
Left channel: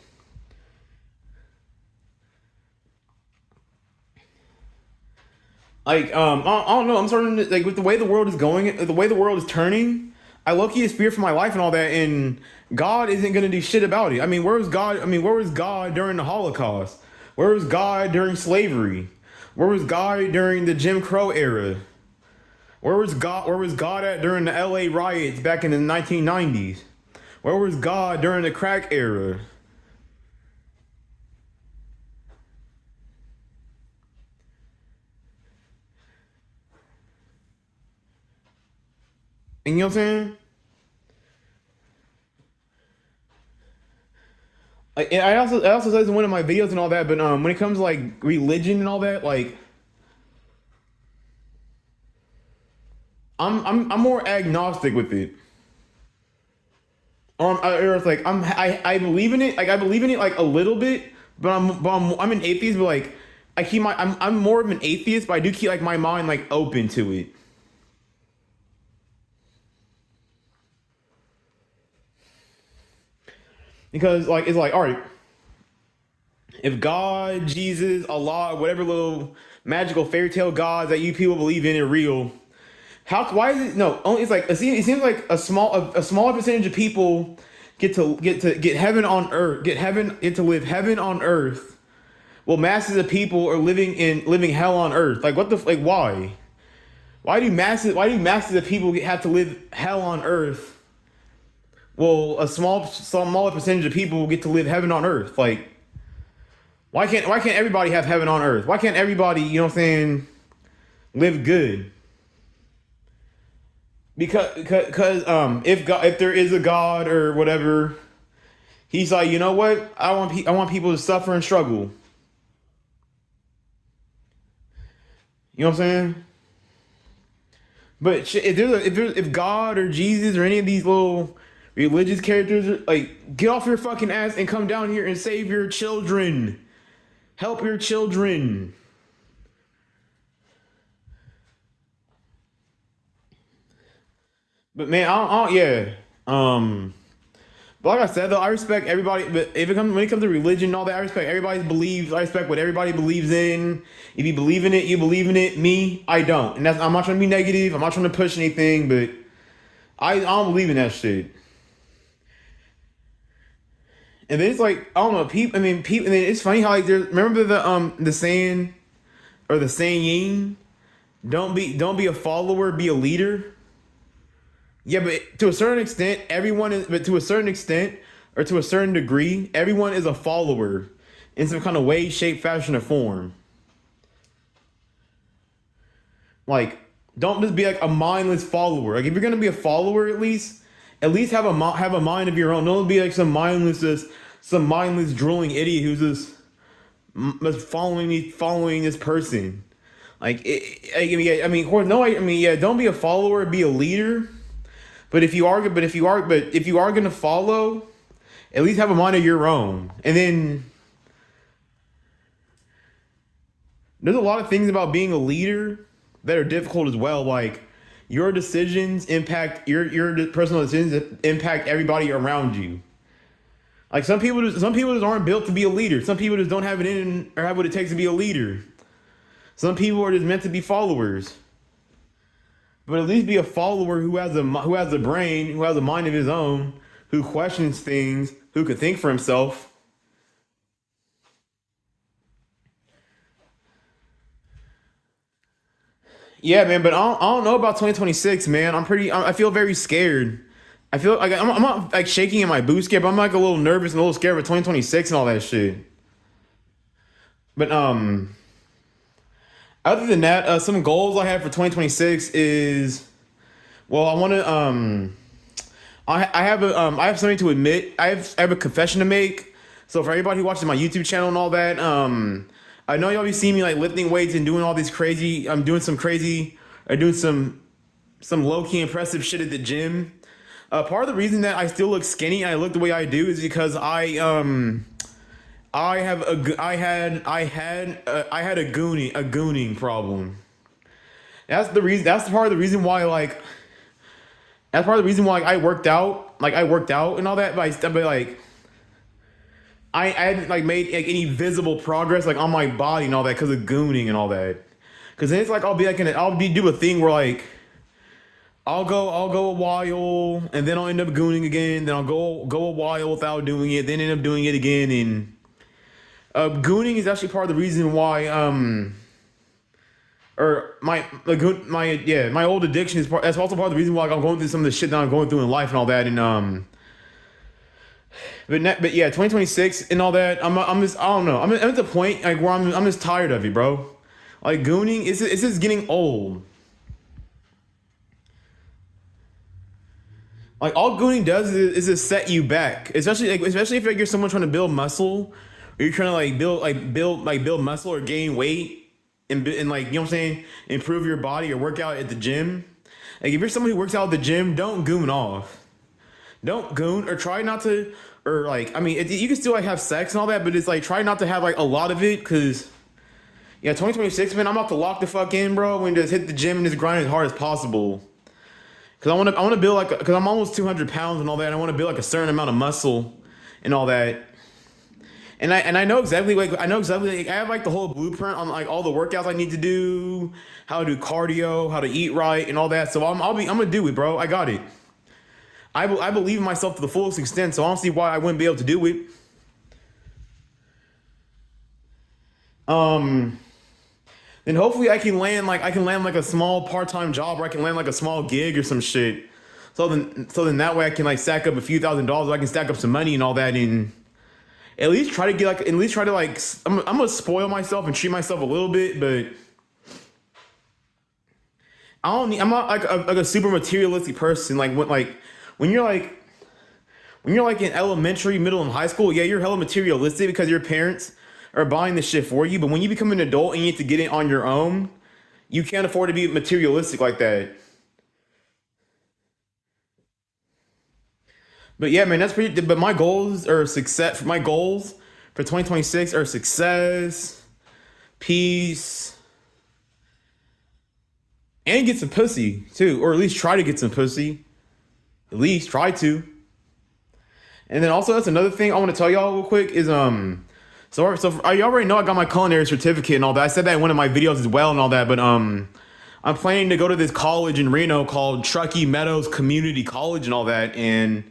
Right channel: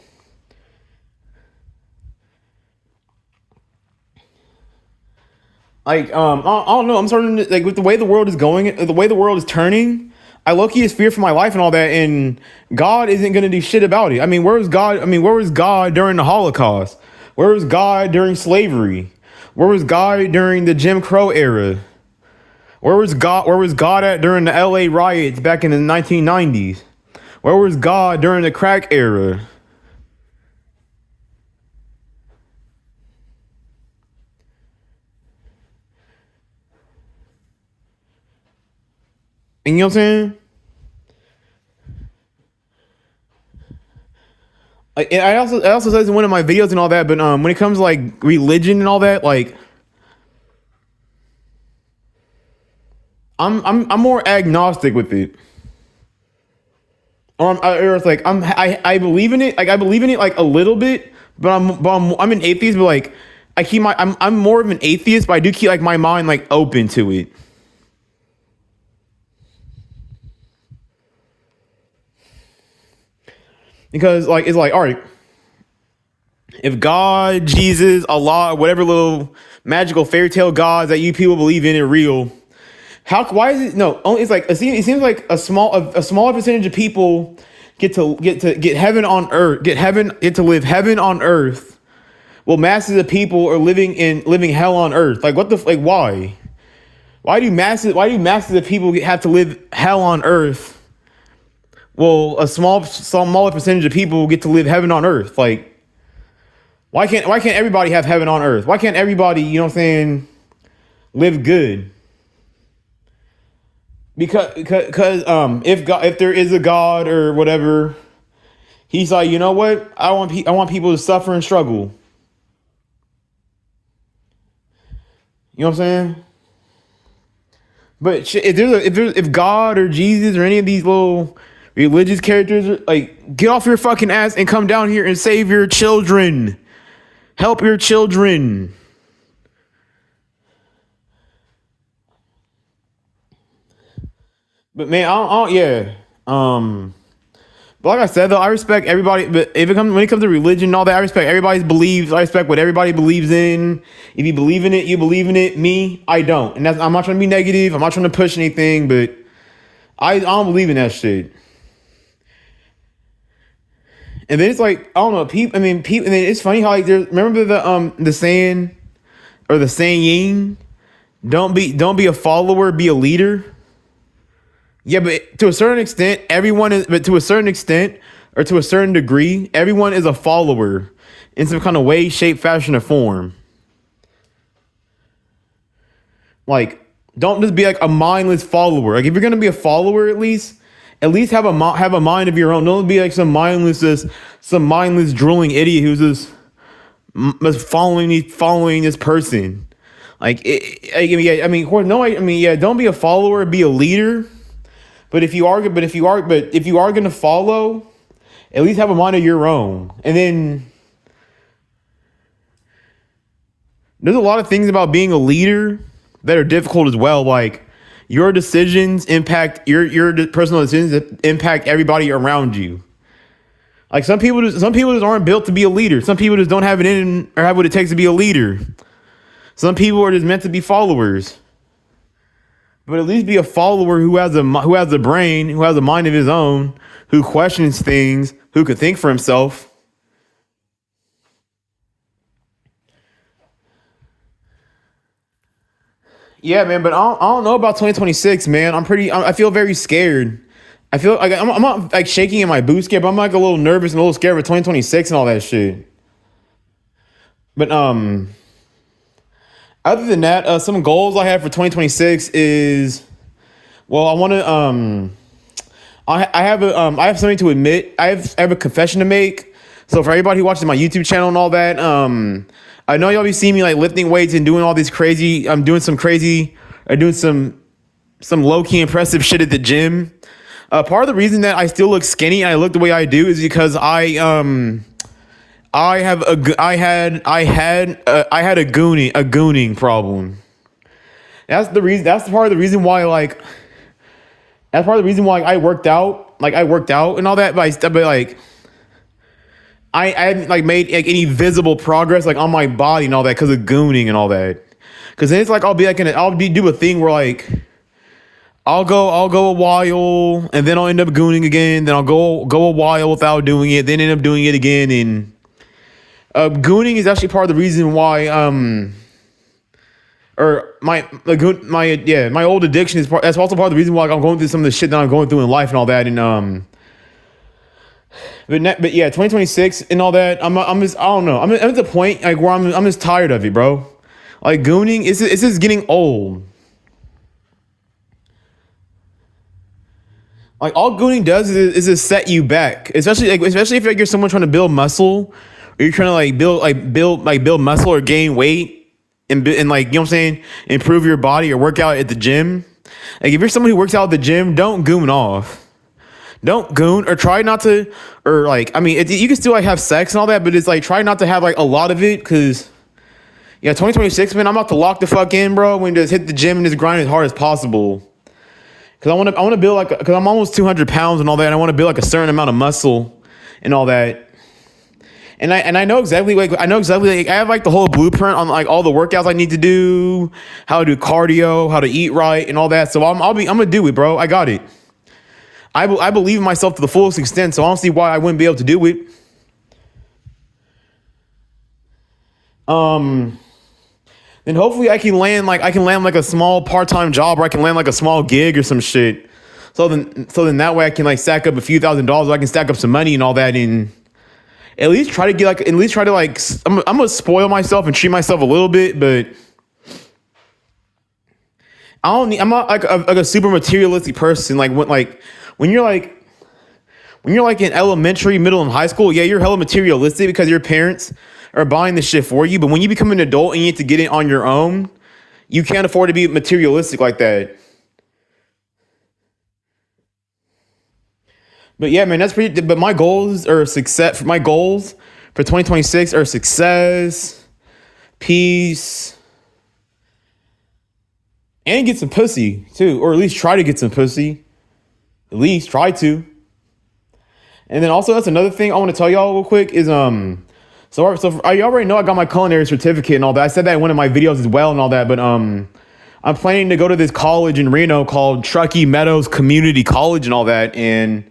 Like I don't know. I'm starting to like with the way the world is going, the way the world is turning. I low key just fear for my life and all that, and God isn't gonna do shit about it. I mean, where was God? I mean, where was God during the Holocaust? Where was God during slavery? Where was God during the Jim Crow era? Where was God? Where was God at during the L.A. riots back in the 1990s? Where was God during the crack era? And you know what I'm saying? I also said this in one of my videos and all that, but when it comes to like religion and all that, like I'm more agnostic with it. Or it's like I believe in it, like I believe in it like a little bit, but I'm an atheist, but like I keep my I'm more of an atheist, but I do keep like my mind like open to it. Because like it's like, all right, if God, Jesus, Allah, whatever little magical fairy tale gods that you people believe in are real, how why is it no? Only it's like it seems like a smaller percentage of people get heaven on earth, get to live heaven on earth. Well, masses of people are living hell on earth. Like what the like why? Why do masses of people have to live hell on earth? Well, smaller percentage of people get to live heaven on earth. Like why can't everybody have heaven on earth? Why can't everybody, you know what I'm saying, live good? Because if there is a God or whatever, he's like, you know what? I want people to suffer and struggle. You know what I'm saying? But if God or Jesus or any of these little religious characters, like, get off your fucking ass and come down here and save your children, help your children. But man, yeah. But like I said though, I respect everybody. But when it comes to religion and all that, I respect everybody's beliefs. I respect what everybody believes in. If you believe in it, you believe in it. Me, I don't. And I'm not trying to be negative. I'm not trying to push anything, but I don't believe in that shit. And then it's like I don't know, people. I mean, people. And then it's funny how like remember the saying or the saying, don't be a follower, be a leader. Yeah, but to a certain extent, everyone is. But to a certain extent, or to a certain degree, everyone is a follower in some kind of way, shape, fashion, or form. Like, don't just be like a mindless follower. Like, if you're gonna be a follower, at least have a mind of your own. Don't be like some mindless drooling idiot who's just following this person. Yeah, I mean, no, I mean, yeah, don't be a follower, be a leader. But if you are gonna follow, at least have a mind of your own. And then there's a lot of things about being a leader that are difficult as well. Like your decisions impact your personal decisions that impact everybody around you. Like some people just aren't built to be a leader. Some people just don't have it in or have what it takes to be a leader. Some people are just meant to be followers. But at least be a follower who has a brain, who has a mind of his own, who questions things, who could think for himself. Yeah, man. But I don't know about 2026, man. I feel very scared. I feel like I'm not like shaking in my boots, scared, but I'm like a little nervous and a little scared for 2026 and all that shit. But other than that, some goals I have for 2026 is, well, I want to I have something to admit. I have a confession to make. So for everybody who watches my YouTube channel and all that, I know y'all be seeing me like lifting weights and doing all these crazy. I'm doing some crazy, or doing some low key impressive shit at the gym. Part of the reason that I still look skinny and I look the way I do is because I had a gooning problem. That's the reason. That's part of the reason why like that's part of the reason why I worked out. Like I worked out and all that, but like I hadn't like made like any visible progress like on my body and all that because of gooning and all that. Because then it's like I'll be do a thing where like I'll go a while and then I'll end up gooning again. Then I'll go a while without doing it. Then end up doing it again. And gooning is actually part of the reason why or my old addiction is that's also part of the reason why I'm going through some of the shit that I'm going through in life and all that. And but yeah, 2026 and all that. I'm just I don't know. I'm at the point like where I'm just tired of it, bro. Like gooning, it's just getting old. Like all gooning does is just set you back, especially if like you're someone trying to build muscle, or you're trying to build muscle or gain weight, and like you know what I'm saying, improve your body or work out at the gym. Like if you're someone who works out at the gym, don't goon off. Don't goon or try not to, or like I mean, you can still like have sex and all that, but it's like try not to have like a lot of it because. Yeah, 2026, man, I'm about to lock the fuck in, bro. And just hit the gym and just grind as hard as possible. Cause I want to build like, cause I'm almost 200 pounds and all that. And I want to build like a certain amount of muscle and all that. And I know exactly like I have like the whole blueprint on like all the workouts I need to do, how to do cardio, how to eat right, and all that. So I'm gonna do it, bro. I got it. I believe in myself to the fullest extent. So I don't see why I wouldn't be able to do it. Then hopefully I can land like a small part-time job, or I can land like a small gig or some shit. So then that way I can like stack up a few $1,000s, I can stack up some money and all that, and at least try to like I'm gonna spoil myself and treat myself a little bit, but I'm not like a super materialistic person. Like when you're like in elementary, middle, and high school, yeah, you're hella materialistic because your parents are buying the shit for you. But when you become an adult and you need to get it on your own, you can't afford to be materialistic like that. But yeah, man, that's pretty. But my goals are success. My goals for 2026 are success, peace, and get some pussy too, or at least try to get some pussy. At least try to. And then also that's another thing I want to tell y'all real quick is so you already know I got my culinary certificate and all that. I said that in one of my videos as well and all that, but I'm planning to go to this college in Reno called Truckee Meadows Community College and all that, and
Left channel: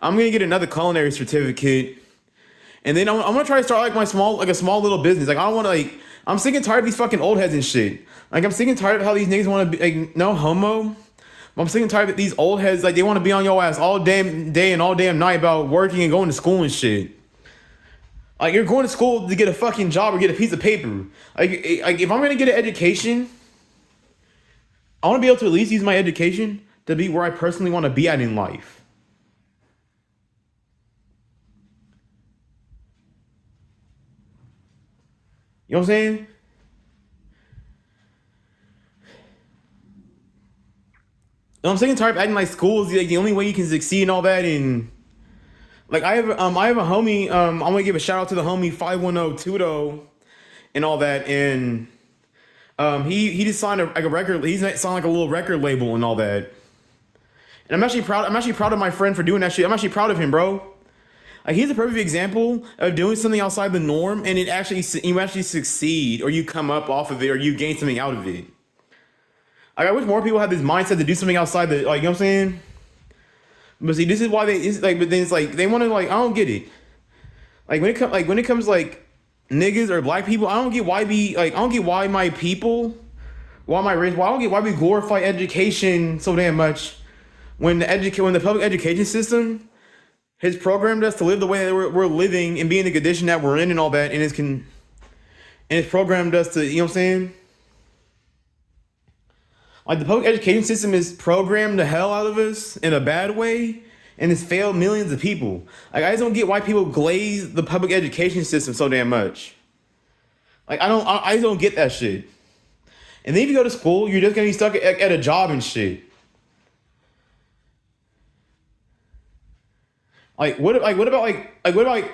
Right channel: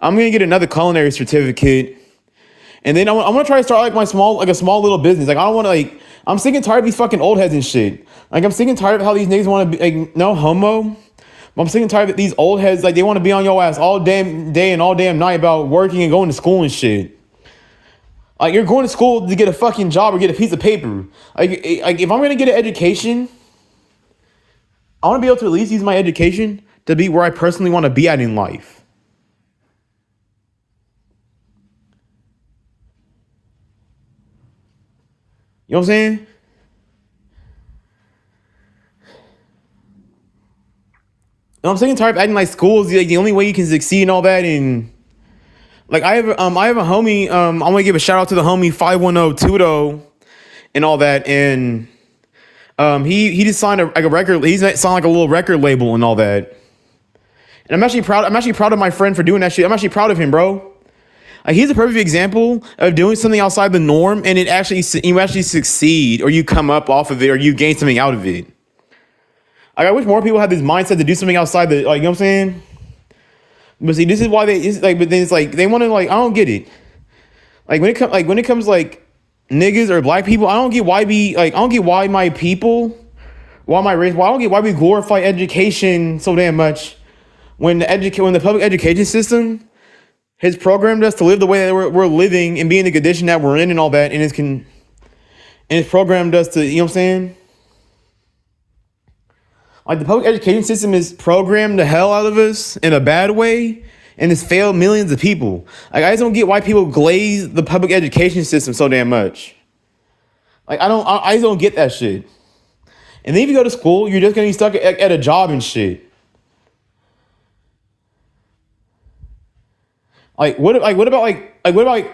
I'm gonna get another culinary certificate, and then I'm gonna try to start like a small little business. Like I don't want to like I'm sick and tired of these fucking old heads and shit. Like I'm sick and tired of how these niggas want to be like no homo. I'm sick and tired of these old heads like they want to be on your ass all damn day and all damn night about working and going to school and shit. Like you're going to school to get a fucking job or get a piece of paper. Like if I'm gonna get an education, I want to be able to at least use my education to be where I personally want to be at in life. You know what I'm saying? And I'm sick and tired of acting like school is like the only way you can succeed and all that. And like I have a homie. I'm gonna give a shout out to the homie 510 Tudo and all that. And he just signed a record. He's signed like a little record label and all that. And I'm actually proud. I'm actually proud of my friend for doing that shit. I'm actually proud of him, bro. Like he's a perfect example of doing something outside the norm, and you actually succeed, or you come up off of it, or you gain something out of it. Like, I wish more people had this mindset to do something outside the, like, you know what I'm saying? But see, this is why but then it's like, they want to, like, I don't get it. Like, when it comes, like, niggas or black people, I don't get why my people, why my race, why I don't get why we glorify education so damn much when the public education system has programmed us to live the way that we're living and be in the condition that we're in and all that, and it's programmed us to, you know what I'm saying? Like the public education system is programmed the hell out of us in a bad way, and it's failed millions of people. Like I just don't get why people glaze the public education system so damn much. Like I just don't get that shit. And then if you go to school, you're just gonna be stuck at a job and shit. What about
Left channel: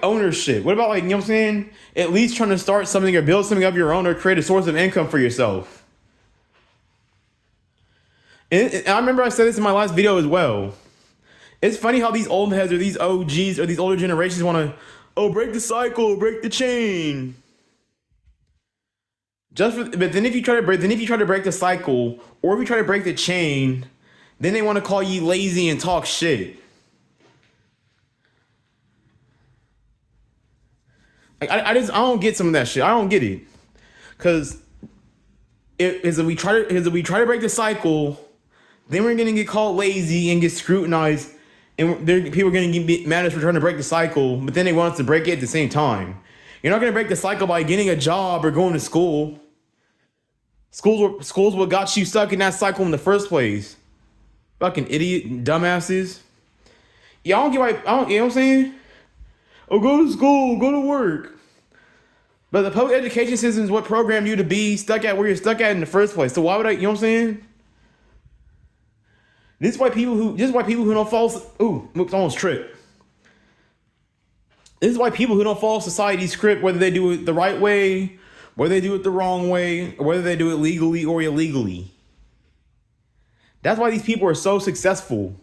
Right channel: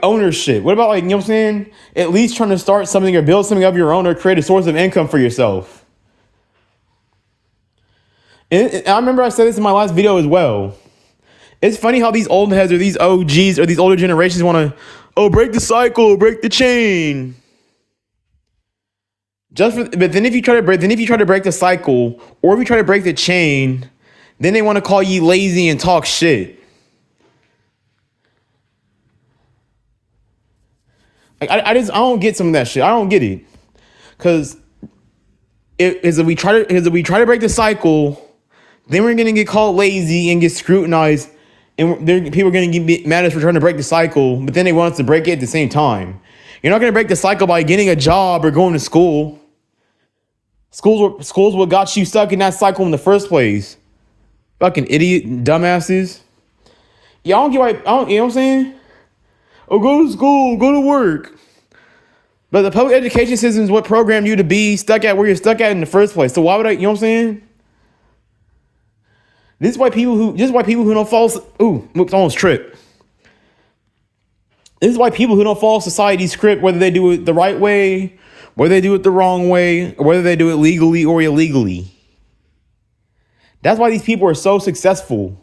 ownership? What about, like, you know what I'm saying? At least trying to start something or build something of your own or create a source of income for yourself. And I remember I said this in my last video as well. It's funny how these old heads or these OGs or these older generations want to, oh, break the cycle, break the chain. But then if you try to break the cycle, or if you try to break the chain, then they want to call you lazy and talk shit. Like, I don't get some of that shit. I don't get it, because if we try to break the cycle, then we're gonna get called lazy and get scrutinized, and people are gonna get mad at us for trying to break the cycle. But then they want us to break it at the same time. You're not gonna break the cycle by getting a job or going to school. Schools what got you stuck in that cycle in the first place. Fucking idiot, dumbasses. Yeah, I don't get why. You know what I'm saying? Oh, go to school, go to work. But the public education system is what programmed you to be stuck at where you're stuck at in the first place. So why would I? You know what I'm saying? This is why people who don't follow. Ooh, almost tripped. This is why people who don't follow society's script, whether they do it the right way, whether they do it the wrong way, or whether they do it legally or illegally. That's why these people are so successful.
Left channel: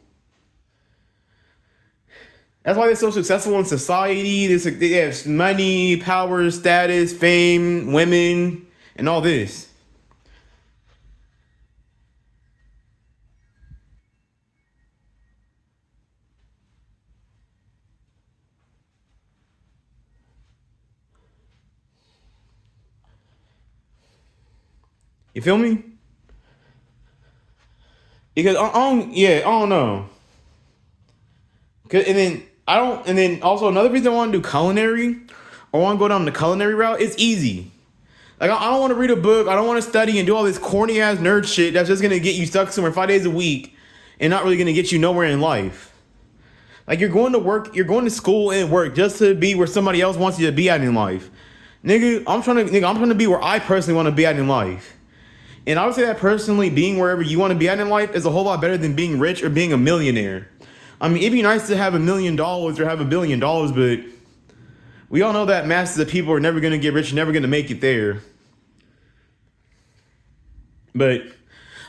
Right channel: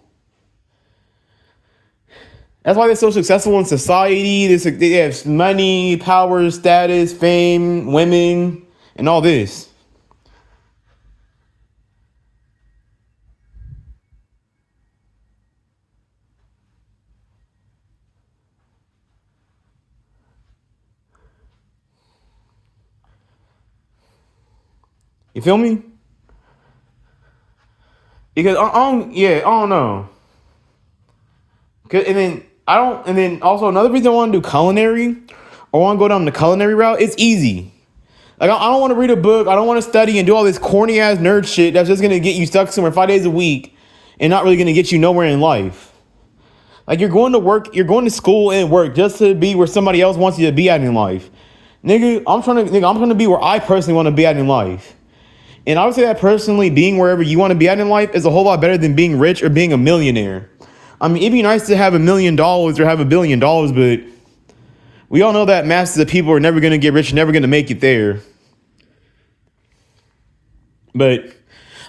That's why they're so successful in society. They have money, power, status, fame, women, and all this. You feel me? Because I don't know. And then also another reason I want to do culinary, I want to go down the culinary route. It's easy. Like, I don't want to read a book. I don't want to study and do all this corny ass nerd shit that's just gonna get you stuck somewhere 5 days a week and not really gonna get you nowhere in life. Like, you're going to work, you're going to school and work just to be where somebody else wants you to be at in life. I'm trying to be where I personally want to be at in life. And I would say that personally, being wherever you want to be at in life is a whole lot better than being rich or being a millionaire. I mean, it'd be nice to have $1 million or have $1 billion, but we all know that masses of people are never going to get rich, never going to make it there. But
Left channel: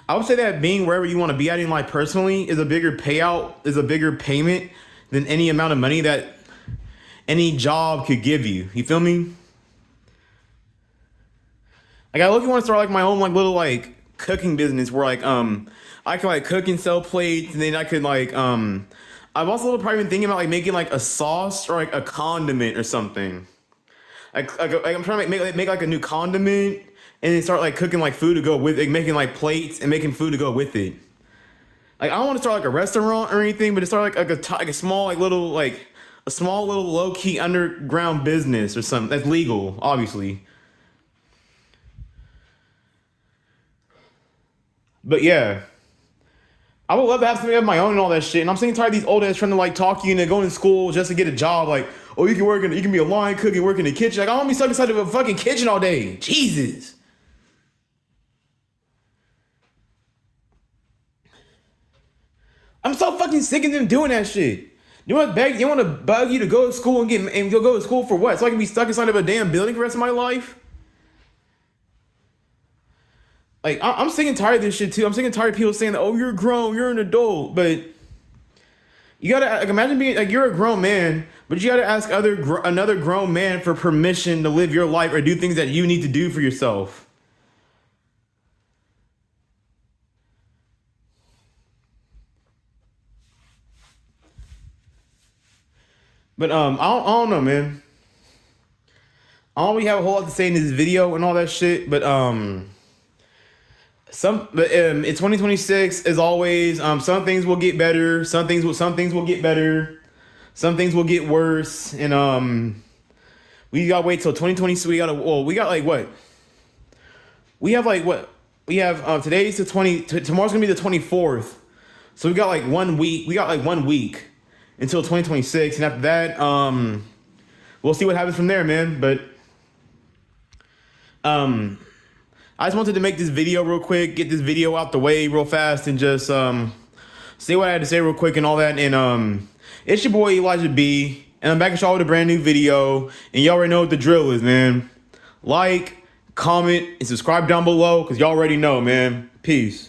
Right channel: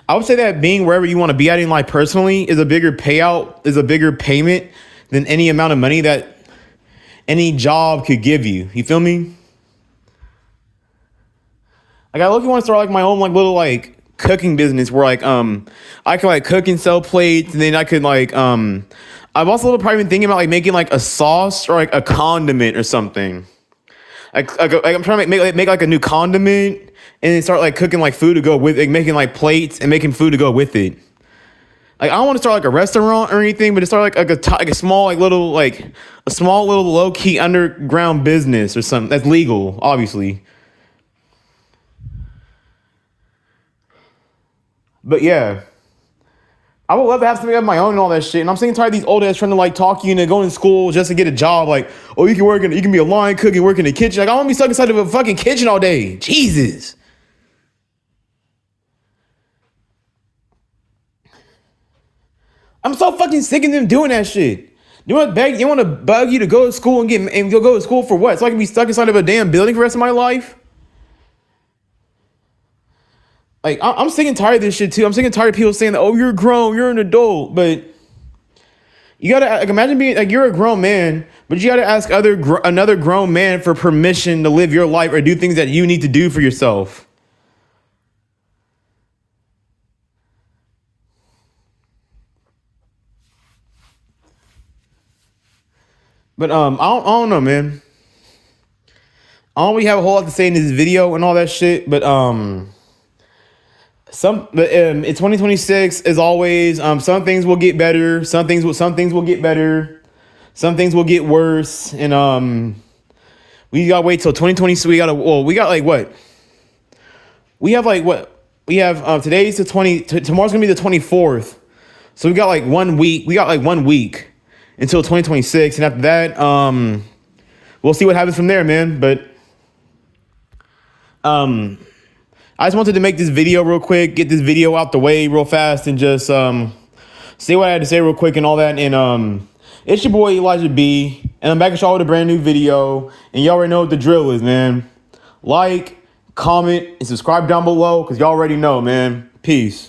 I would say that being wherever you want to be at in life personally is a bigger payout, is a bigger payment than any amount of money that any job could give you. You feel me? Like, I literally want to start like my own like little like cooking business where like I could like cook and sell plates, and then I could like I've also probably been thinking about like making like a sauce or like a condiment or something. Like I'm trying to make like a new condiment, and then start like cooking like food to go with it, making like plates and making food to go with it. Like, I don't want to start like a restaurant or anything, but to start like a small little low key underground business or something that's legal, obviously. But yeah, I would love to have something of my own and all that shit. And I'm sick and tired of these old ass trying to like talk you into going to school just to get a job. Like, oh, you can be a line cook and work in the kitchen. Like, I don't want to be stuck inside of a fucking kitchen all day. Jesus. I'm so fucking sick of them doing that shit. You want to bug you to go to school and you'll go to school for what? So I can be stuck inside of a damn building for the rest of my life? Like, I'm sick and tired of this shit too. I'm sick and tired of people saying that, oh, you're grown, you're an adult. But you gotta like, imagine being like, you're a grown man, but you gotta ask another grown man for permission to live your life or do things that you need to do for yourself. But I don't know, man. I don't really have a whole lot to say in this video and all that shit. But in 2026, as always, some things will get better. Some things will get better. Some things will get worse. And we gotta wait till 2020. We got like what? We have like what? We have today's the 20. Tomorrow's gonna be the 24th. So we got like 1 week. We got like 1 week until 2026, and after that, we'll see what happens from there, man. But I just wanted to make this video real quick, get this video out the way real fast, and just say what I had to say real quick and all that. And it's your boy Elijah B, and I'm back at y'all with a brand new video. And y'all already know what the drill is, man. Like, comment, and subscribe down below, because y'all already know, man. Peace.